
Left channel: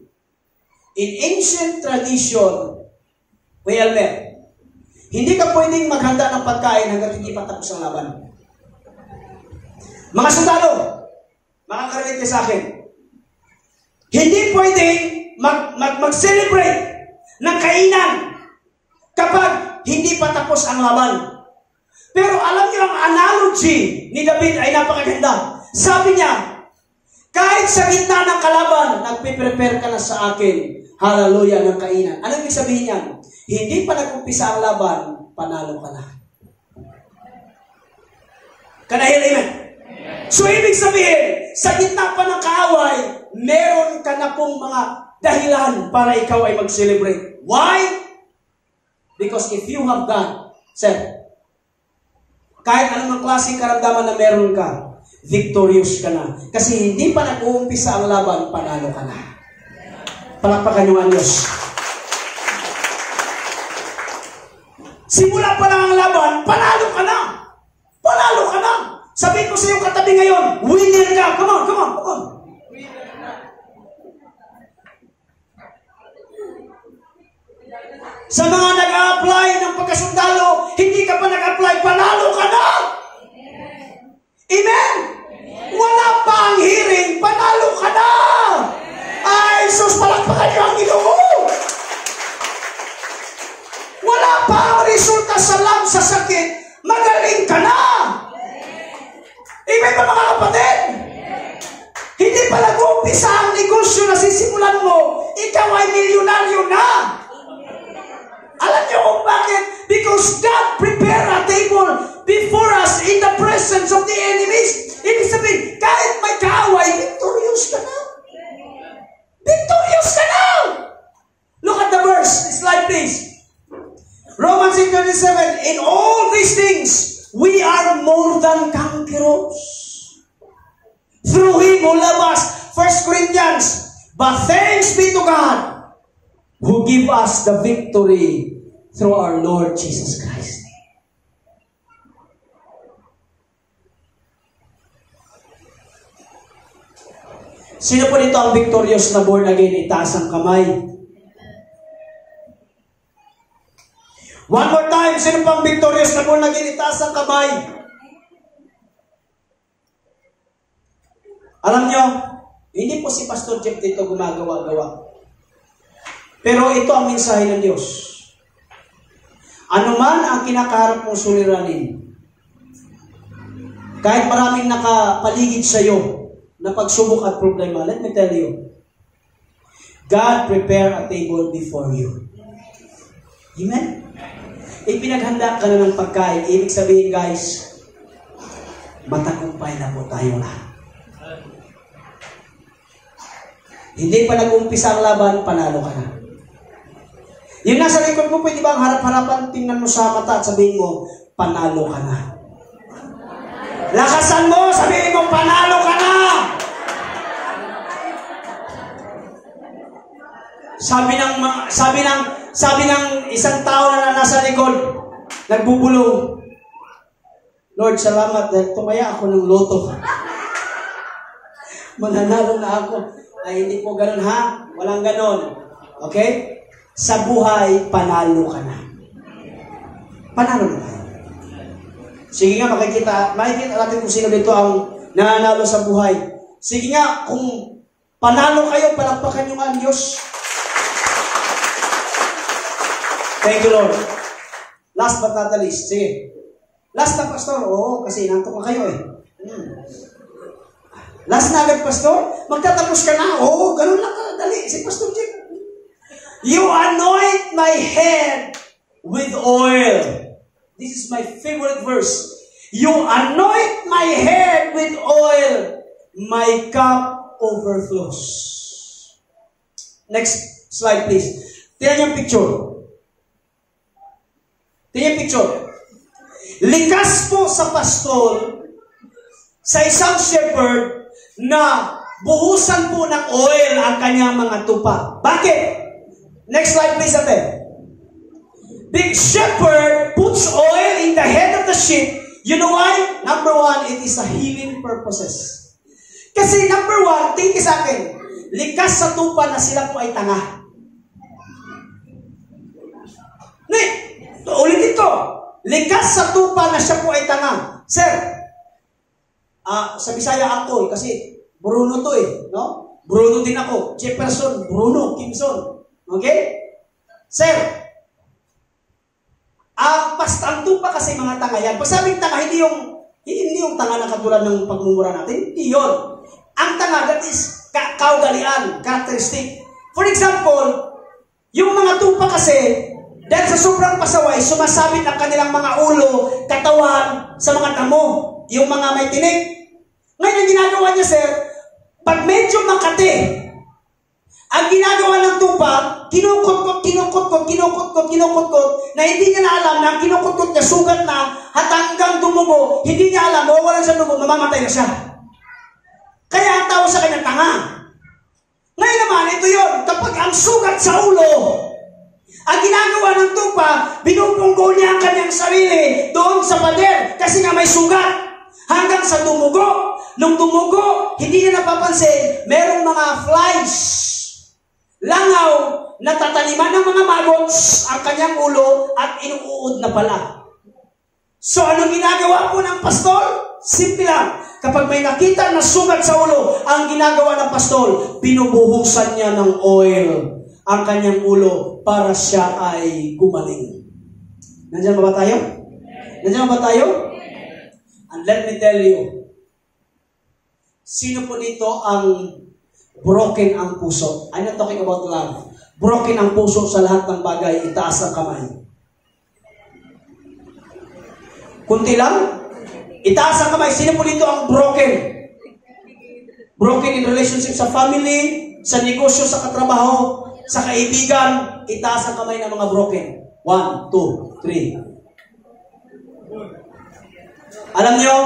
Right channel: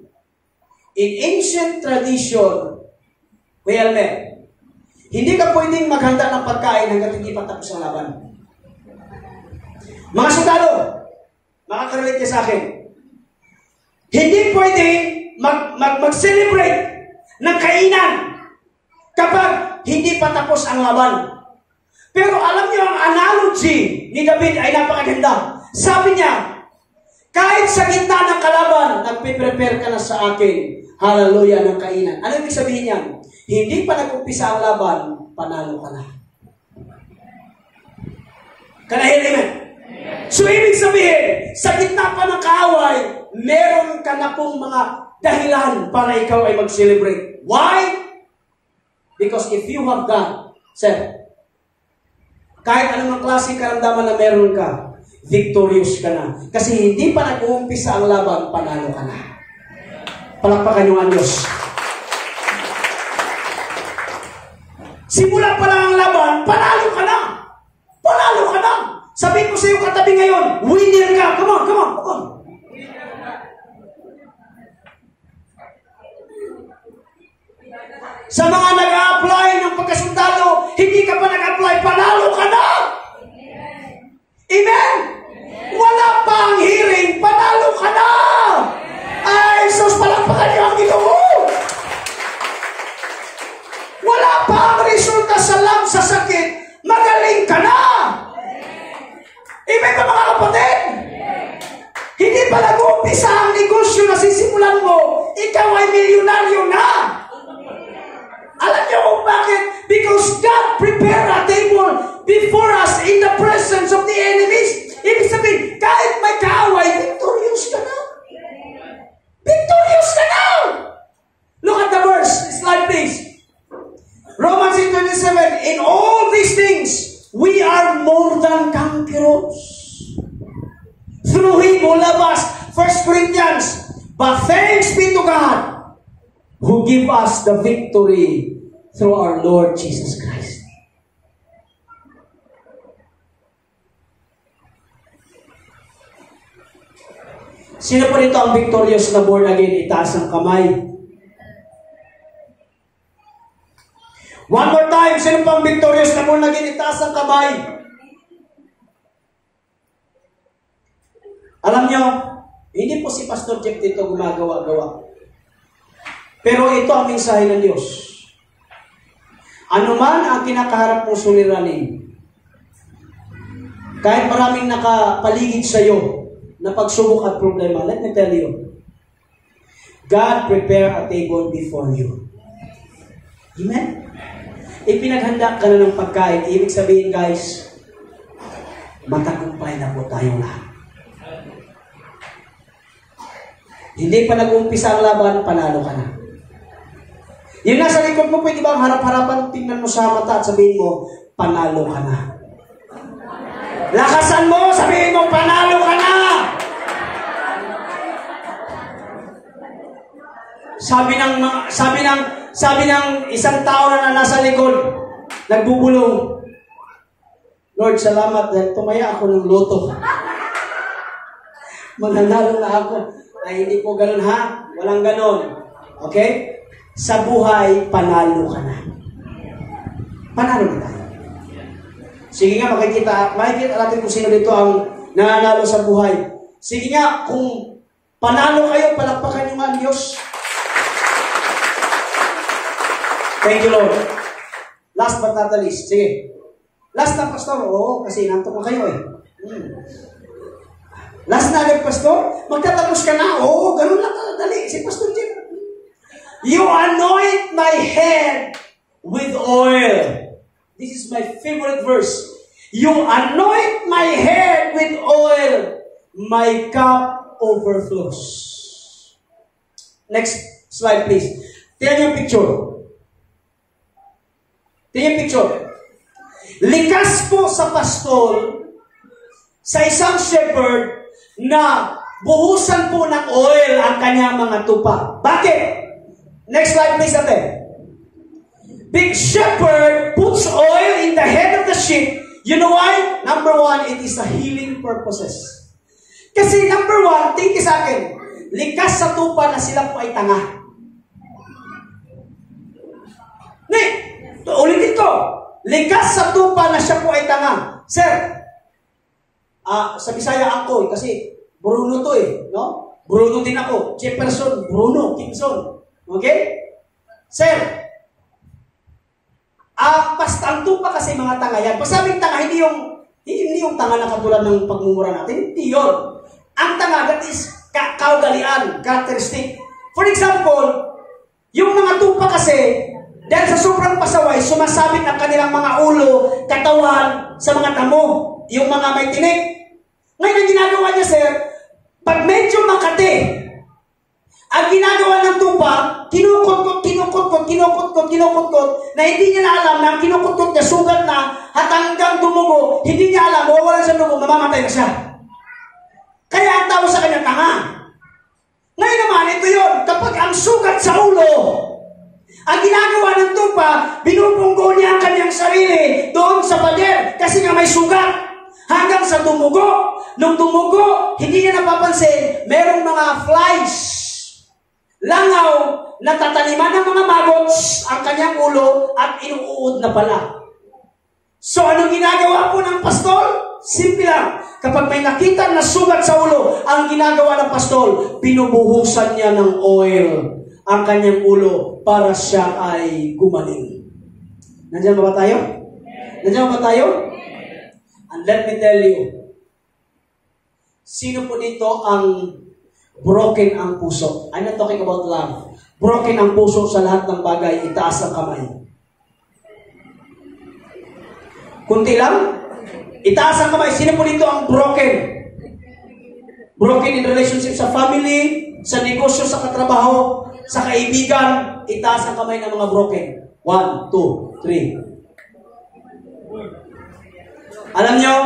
In ancient tradition, Kuya Elmer, hindi ka pwedeng maghanda ng pagkain hanggang hindi patapos ang laban. Mga sundalo, makakarelate sa akin, hindi pwedeng mag-celebrate ng kainan kapag hindi patapos ang laban. Pero alam niyo ang analogy ni David ay napakaganda. Sabi niya, kahit sa gitna ng kalaban, nagpe-prepare ka na sa akin. Hallelujah ng kainan. Ano ibig sabihin niya? Hindi pa nag-umpisa ang laban, panalo ka na. Kanahil, amen? So ibig sabihin, sa gitna pa ng kaaway, meron ka na pong mga dahilan para ikaw ay mag-celebrate. Why? Because if you have God, said, kahit anong klaseng karamdaman na meron ka, victorious ka na. Kasi hindi pa nag-uumpisa ang laban, panalo ka na. Palakpakan niyo ang Diyos. Simula pa lang ang laban, panalo ka na. Panalo ka na. Sabihin ko sa iyo katabi ngayon, winner ka. Come on, come on, come on. Sa mga nag-a-apply ng pagkasundalo, hindi ka pa nag-apply, panalo ka na! Amen? Wala pa ang hearing, panalo ka na! Ay, sus, palakpakan niyo ang Ginoo! Wala pa ang resulta sa sakit, magaling ka na! Amen ba mga kapatid? Hindi pa nag-uumpisa ang negosyo na sisimulan mo, ikaw ay milyonaryo na! Alam niyo kung bakit? Because God prepared a table before us in the presence of the enemies. Ibig sabihin, kahit may kaaway, victorious ka na. Victorious ka na! Look at the verse. Slide please. Romans 8:27. In all these things, we are more than conquerors. Through Him who loved us. 1 Corinthians. But thanks be to God who give us the victory through our Lord Jesus Christ. Sino pa dito ang victorious na born again? Itaas ang kamay. One more time, sino pang victorious na muna ginitaas ang kamay? Alam nyo, hindi po si Pastor Jeff dito gumagawa-gawa. Pero ito ang mensahe ng Diyos. Ano man ang kinakaharap mong suliranin, kahit maraming nakapaligid sa iyo na pagsubok at problema, let me tell you, God prepare a table before you. Amen? Ipinaghanda ka na ng pagkain. Ibig sabihin, guys, matagumpay na po tayo lahat. Hindi pa nag-umpisa ang laban, panalo ka na. Yung nasa likod mo, pwede ba ang harap-harapan, tingnan mo sa mata at sabihin mo, panalo ka na. Lakasan mo, sabihin mo, panalo ka na. Sabi ng isang tao na nasa likod, nagbubulong, Lord, salamat dahil tumaya ako ng loto. Mananalo na ako. Ay, hindi po ganun ha. Walang ganun. Okay? Sa buhay, panalo ka na. Panalo na tayo. Sige nga, makikita natin kung sino dito ang nananalo sa buhay. Sige nga, kung panalo kayo, palakpakan nyo nga ang Diyos. Thank you, Lord. Last but not the least. Sige. Last na, Pastor. Oo, kasi nantok na kayo eh. Last na agad, Pastor. Magtatapos ka na. Oo, ganun lang. Dali. Si Pastor Jim. You anoint my head with oil. This is my favorite verse. You anoint my head with oil. My cup overflows. Next slide, please. Tingnan yung picture. Tingnan yung picture. Likas po sa pastol, sa isang shepherd, na buhusan po ng oil ang kanyang mga tupa. Bakit? Next slide, please, Ate. The shepherd puts oil in the head of the sheep. You know why? Number one, it is a healing purposes. Kasi number one, tingin sa akin, likas sa tupa na sila po ay tanga. Ulitin ko. Likas sa tupa na siya po ay tanga. Sir, sa Bisaya ako kasi Bruno to eh. No? Bruno din ako. Jefferson, Bruno, Kimson. Okay? Sir, ang tupa kasi mga tanga yan. Pag sabing tanga, hindi yung tanga na katulad ng pagmumura natin. Hindi yun. Ang tanga, that is kaugalian, characteristic. For example, yung mga tupa kasi, dahil sa sobrang pasaway, sumasabit ang kanilang mga ulo, katawan, sa mga tamo. Yung mga may tinik. Ngayon, ang ginagawa niya, sir, pag medyo makati, ang ginagawa ng tupa, kinukot-kot, na hindi niya na alam na ang kinukot-kot niya, sugat na, at hanggang dumugo, hindi niya alam, mawawalan sa dugo, mamamatay na siya. Kaya ang tao sa kanya, tanga. Ngayon naman, ito yun, kapag ang sugat sa ulo, ang ginagawa ng tupa, binubunggo niya ang kanyang sarili doon sa pader, kasi nga may sugat. Hanggang sa dumugo. Nung dumugo, hindi niya napapansin, merong mga flies, langaw, natataniman ng mga maggots ang kanyang ulo at inuud na pala. So, anong ginagawa po ng pastol? Simple lang. Kapag may nakita na sugat sa ulo, ang ginagawa ng pastol, binubuhusan niya ng oil ang kanyang ulo para siya ay gumaling. Nandiyan ba tayo? Nandiyan ba tayo? And let me tell you, sino po dito ang broken ang puso? I'm not talking about love. Broken ang puso sa lahat ng bagay, itaas ang kamay. Kunti lang? Itaas ang kamay. Sino po dito ang broken? Broken in relationship sa family, sa negosyo, sa katrabaho, sa kaibigan, itaas ang kamay ng mga broken. 1, 2, 3. Alam nyo,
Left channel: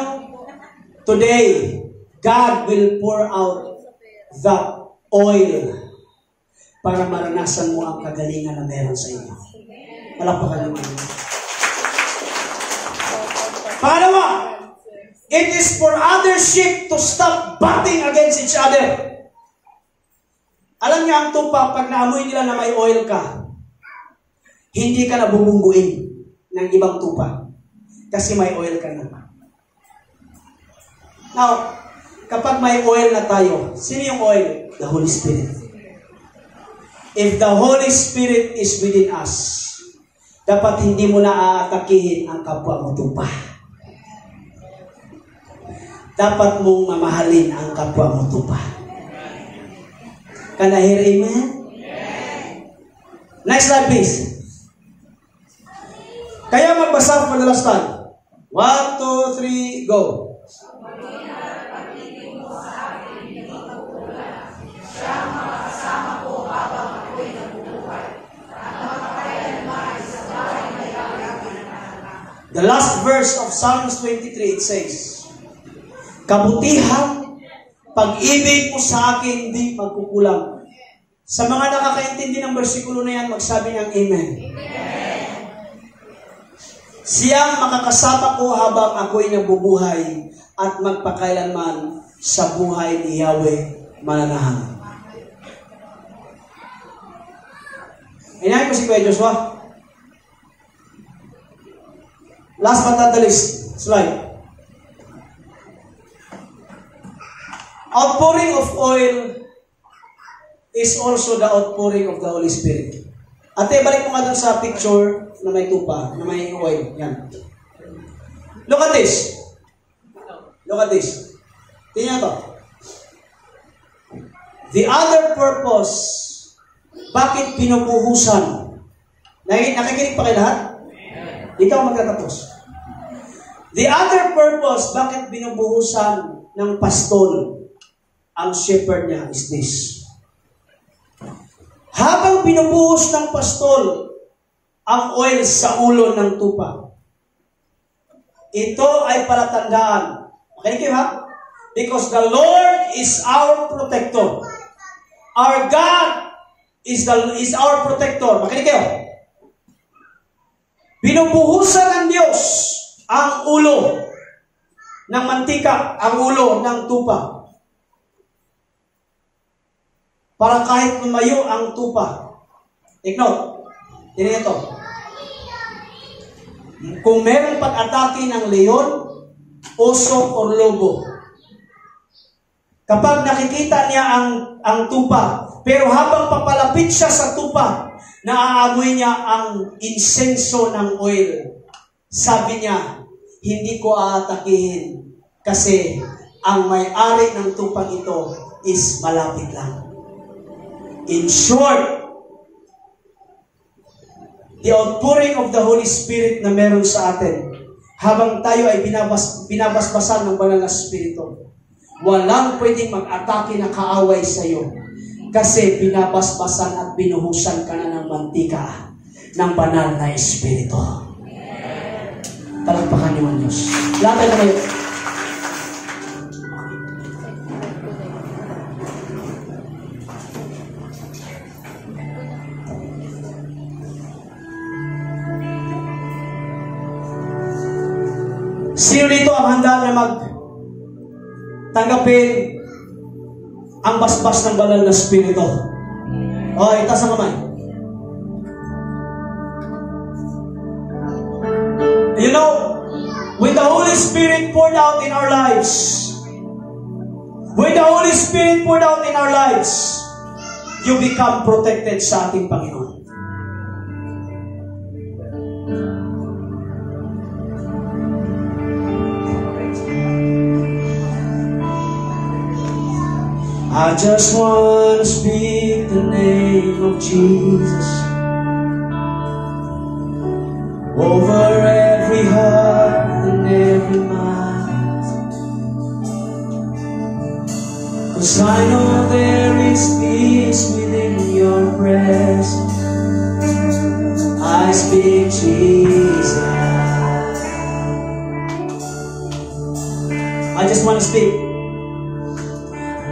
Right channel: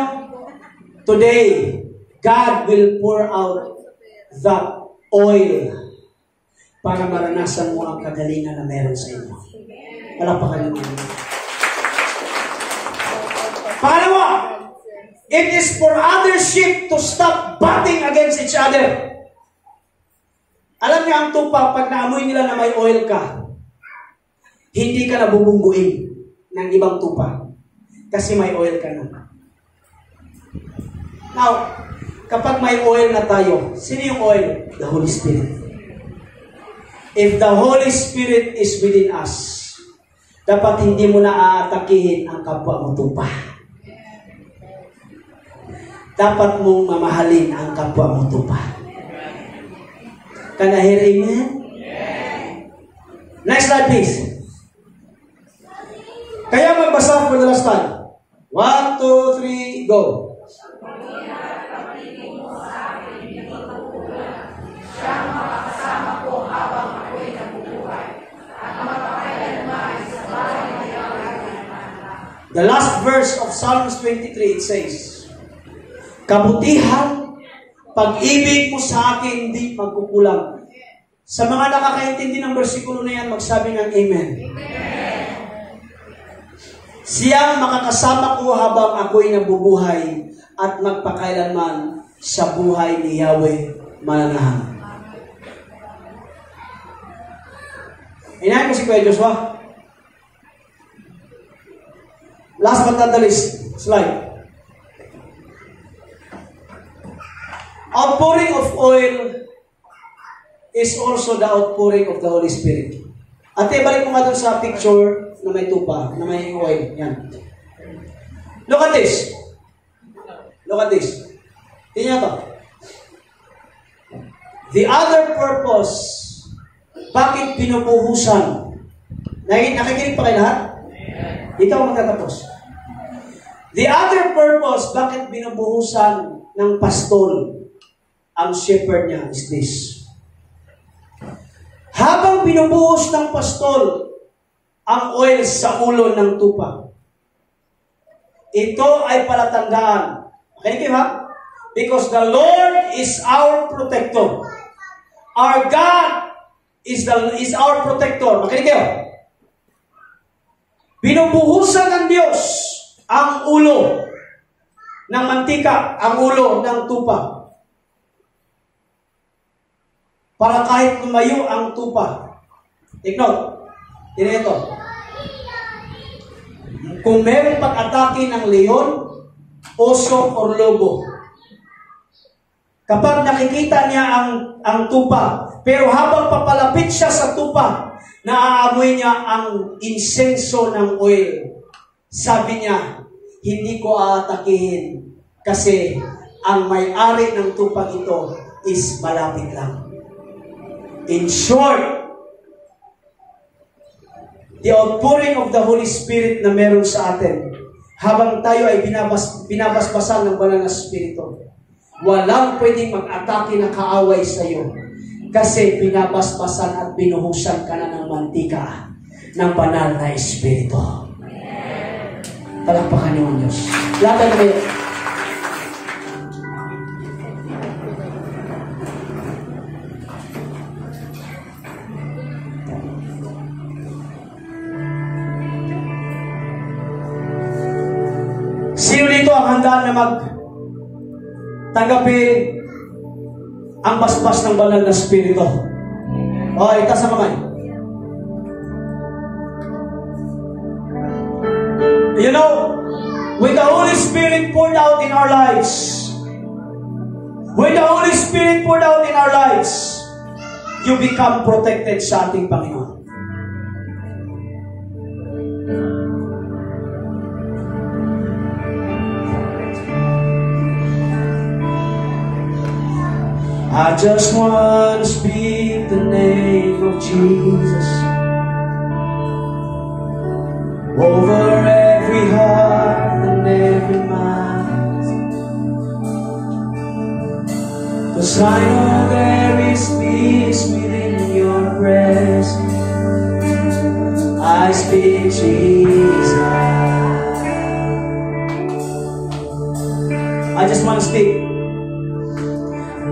today, God will pour out that oil para maranasan mo ang kagalingan na meron sa inyo. Palakpakan naman. Pangalawa, it is for other sheep to stop butting against each other. Alam niyo ang tupa, pag naamoy nila na may oil ka, hindi ka nabubungguin. ng ibang tupa. Kasi may oil ka na. Now, kapag may oil na tayo, sino yung oil? The Holy Spirit. If the Holy Spirit is within us, dapat hindi mo na aatakihin ang kapwa mo tupa. Dapat mong mamahalin ang kapwa mo tupa. Can I hear amen? Next slide, please. Kaya magbasa for the last time. 1, 2, 3, go. The last verse of Psalms 23, it says, kabutihan, pag-ibig mo sa akin, hindi magkukulang. Sa mga nakakaintindi ng versikulo na yan, magsabi ng Amen. Siya makakasama ko habang ako'y nabubuhay at magpakailanman sa buhay ni Yahweh Manahang. Inahin ko si Kuya Joshua. Last but not the least, slide. Outpouring of oil is also the outpouring of the Holy Spirit. Ate, balik mo nga doon sa picture na may tupa, na may oil. Yan. Look at this. Look at this. Tingnan to. The other purpose, bakit pinupuhusan? Nakikinig pa kayo lahat? Dito ako magtatapos. The other purpose, bakit binubuhusan ng pastol ang shepherd niya is this. Habang binubuhos ng pastol ang oil sa ulo ng tupa, ito ay palatandaan. Okay kayo ha? Because the Lord is our protector. Our God is our protector. Okay kayo? Binubuhusan ng Diyos ang ulo ng mantika, ang ulo ng tupa. Para kahit lumayo ang tupa. Take note. Tingnan ito. Kung meron pag-atake ng leon, oso, or lobo, kapag nakikita niya ang tupa, pero habang papalapit siya sa tupa, naaamoy niya ang insenso ng oil. Sabi niya, hindi ko aatakihin kasi ang may-ari ng tupang ito is malapit lang. In short, the outpouring of the Holy Spirit na meron sa atin, habang tayo ay binabasbasan ng banal na Espiritu, walang pwedeng mag-atake na kaaway sa iyo kasi binabasbasan at binuhusan ka na ng mantika ng banal na Espiritu. Palakpakan niyo ang Diyos. Laban na kayo. Sino dito ang handa na tanggapin ang basbas ng banal na Espiritu? O, itaas ang kamay. You know, with the Holy Spirit poured out in our lives, with the Holy Spirit poured out in our lives, you become protected sa ating Panginoon. I just want to speak the name of Jesus over every heart and every mind, 'cause I know there is peace within your presence. I speak Jesus. I just want to speak.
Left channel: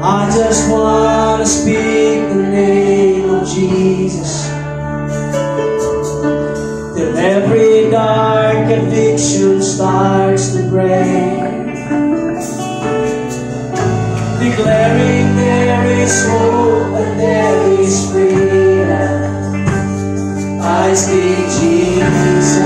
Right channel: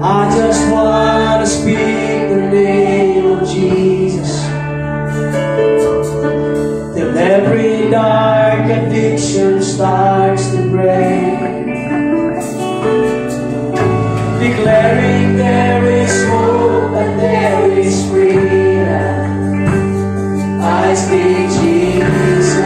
I just want to speak the name of Jesus, till every dark addiction starts to break, declaring there is hope and there is freedom. I speak Jesus.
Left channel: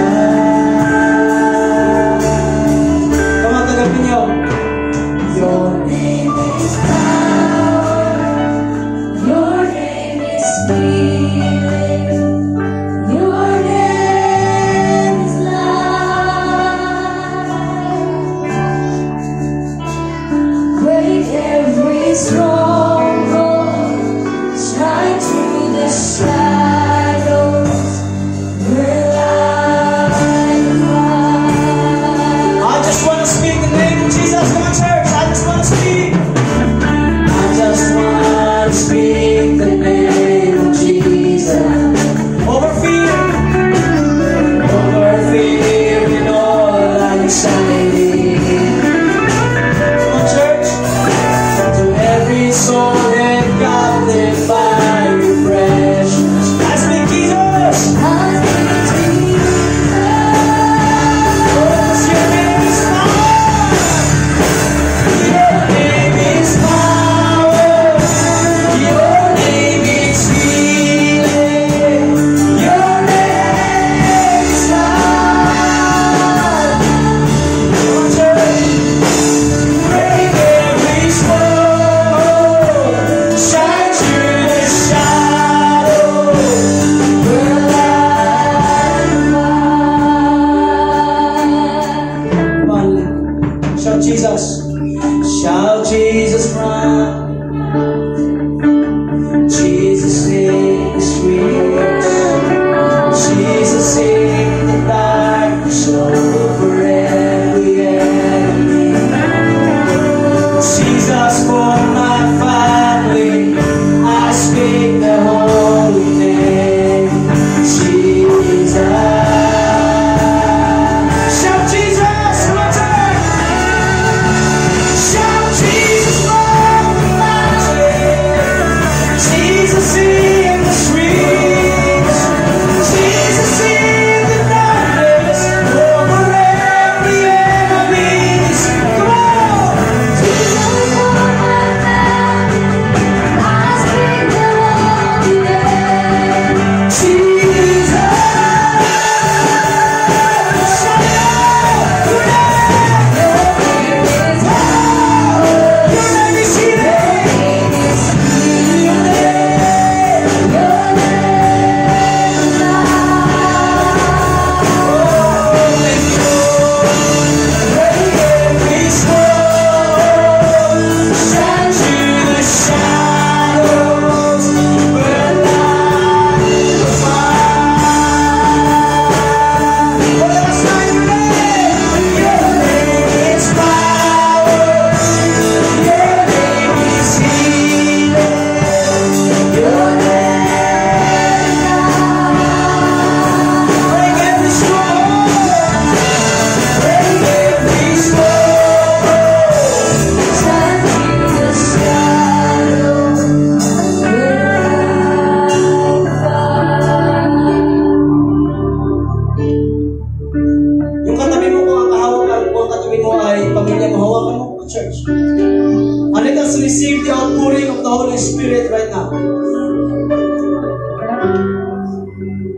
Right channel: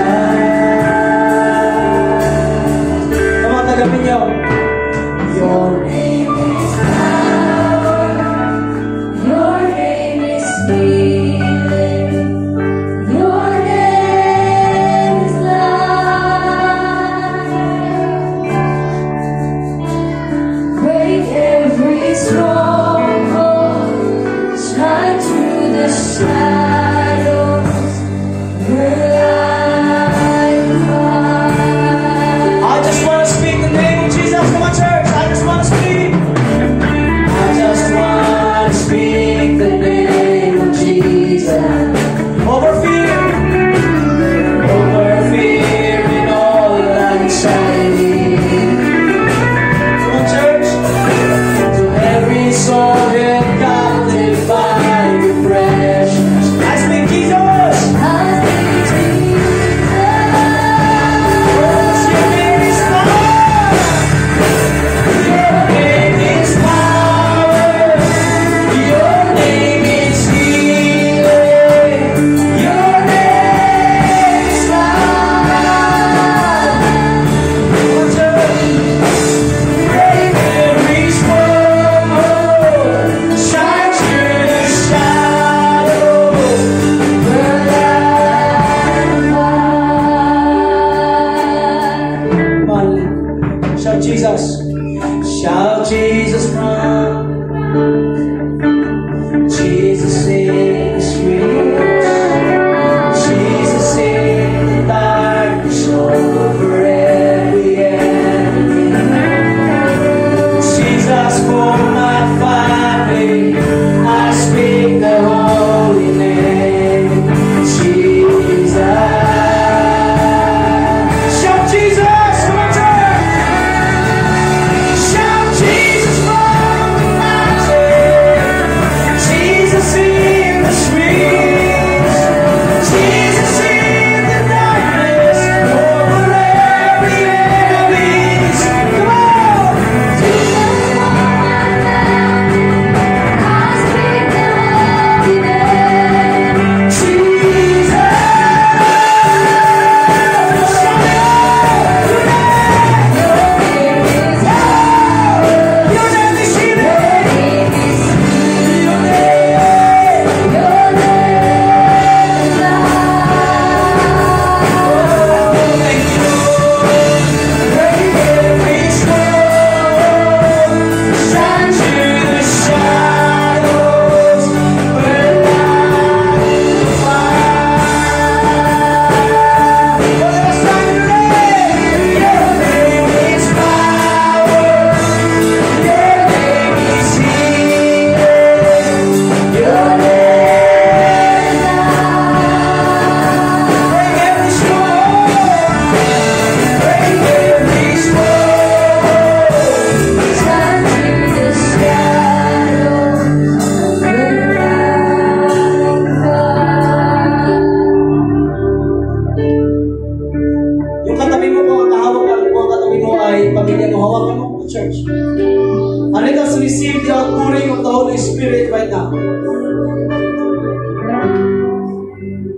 church. And let us receive the outpouring of the Holy Spirit right now.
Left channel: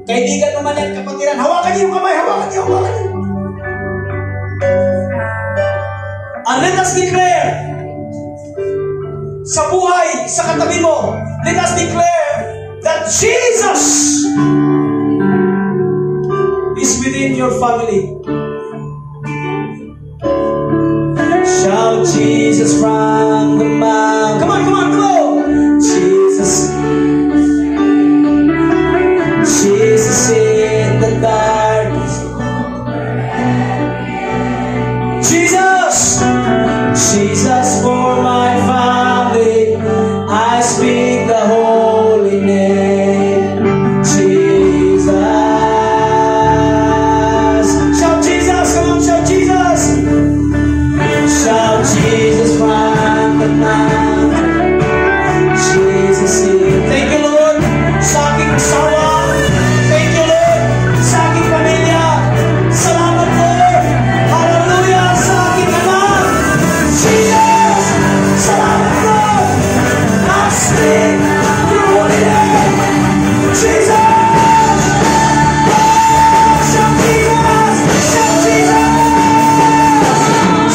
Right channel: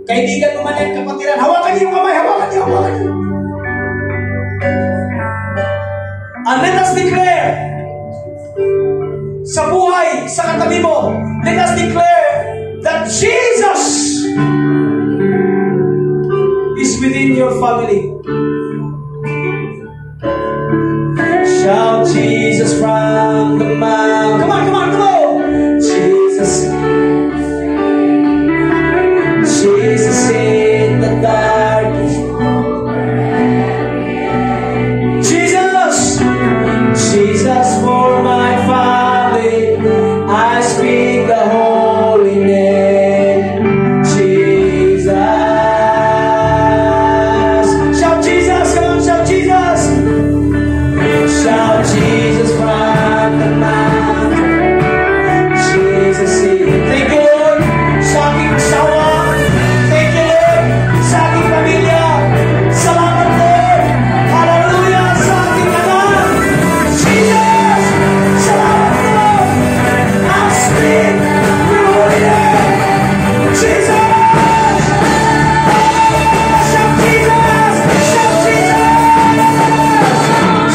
Kaibigan mo man yan, kapatiran, hawakan niyo yung kamay, hawakan niyo. And let us declare sa buhay, sa katabi mo, let us declare that Jesus is within your family. Shout Jesus from the mountain. Come on, go! Jesus in the darkness. Jesus for my family. I speak the holy name. Jesus. Shout Jesus, come on, shout Jesus. Shout Jesus from the mountain. Jesus in. Thank you, Lord. Sa aking asawa. Thank you, Lord. Sa aking pamilya. Salamat, Lord. Hallelujah. Sa aking anak. Jesus. Salamat, Lord. I speak your holy name. Jesus. Shout Jesus. Shout Jesus.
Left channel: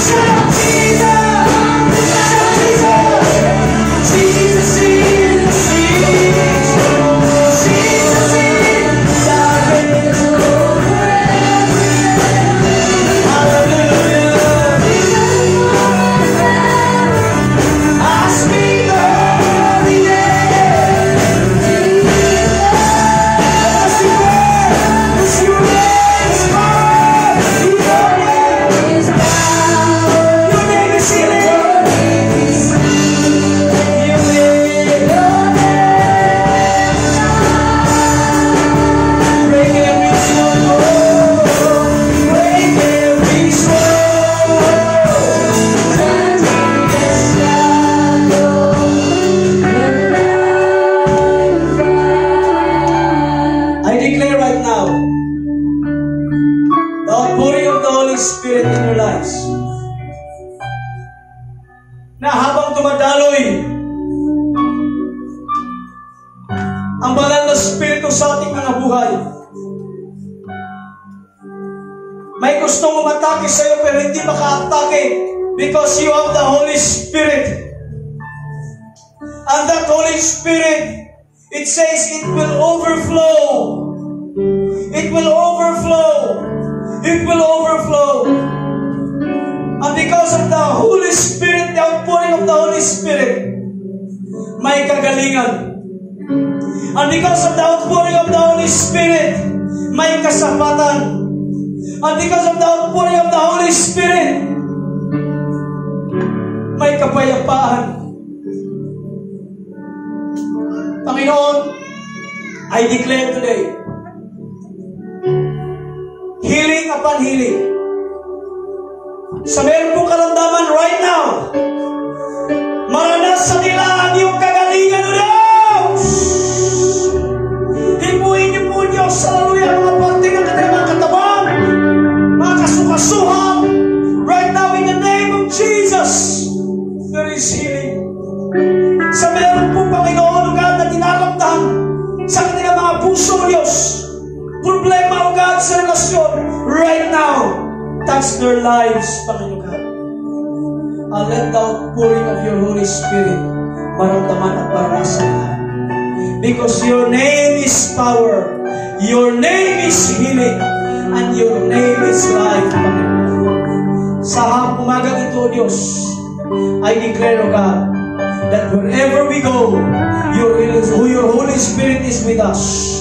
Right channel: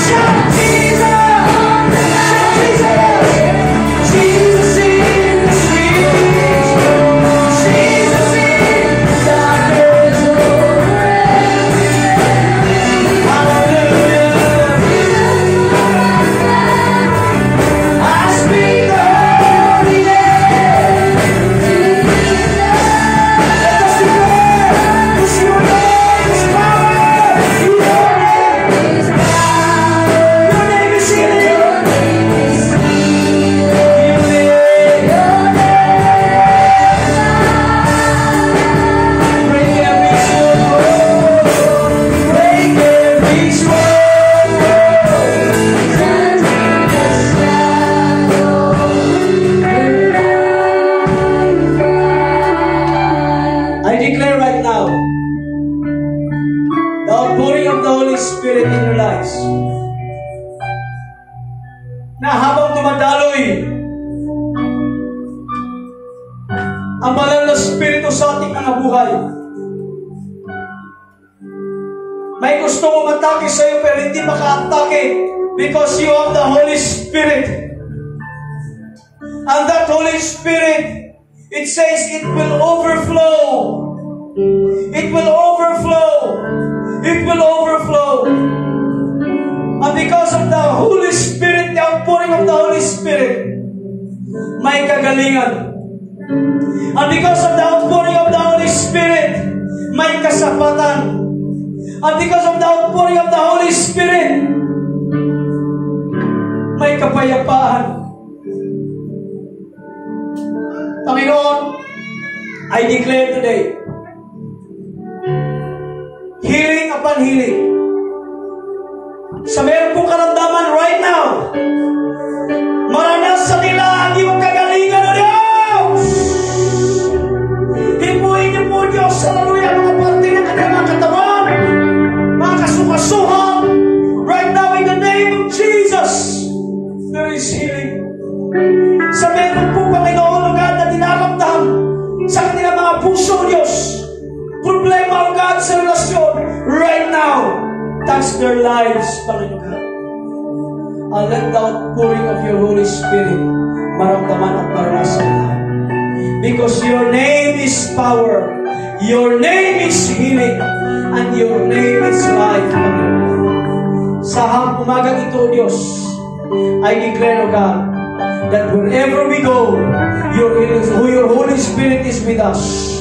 Shout Jesus! Shout Jesus! Jesus in the streets. Jesus in the darkness. Hallelujah. I speak the holy name. Let us declare this your name is power. Your name is power. Your name is healing. Your name. Break every stronghold. Break every stronghold. I declare right now the outpouring of the Holy Spirit in your lives. Na habang dumadaloy ang banal na Espiritu sa ating mga buhay, may gustong umatake sa iyo pero hindi maka-atake because you have the Holy Spirit. And that Holy Spirit, it says it will overflow. It will overflow. It will overflow. And because of the Holy Spirit, the outpouring of the Holy Spirit, may kagalingan. And because of the outpouring of the Holy Spirit, may kasapatan. And because of the outpouring of the Holy Spirit, may kapayapaan. Panginoon, I declare today, healing upon healing. Sa meron pong karamdaman right now, maranasan nila ang iyong kagalingan o Diyos. Hipuin niyo po Diyos, hallelujah, mga parte ng kanilang katawan, mga kasukasuhan. Right now, in the name of Jesus, there is healing. Sa meron po Panginoon, O God, na dinaramdam sa kanilang mga puso, Diyos, problema, O God, sa relasyon, right now, touch their lives, Panginoon God. And let the outpouring of your Holy Spirit maramdaman at maranasan lahat. Because your name is power, your name is healing, and your name is life, Panginoon. Sa umagang ito, Diyos, I declare, O God, that wherever we go, your Holy Spirit is with us.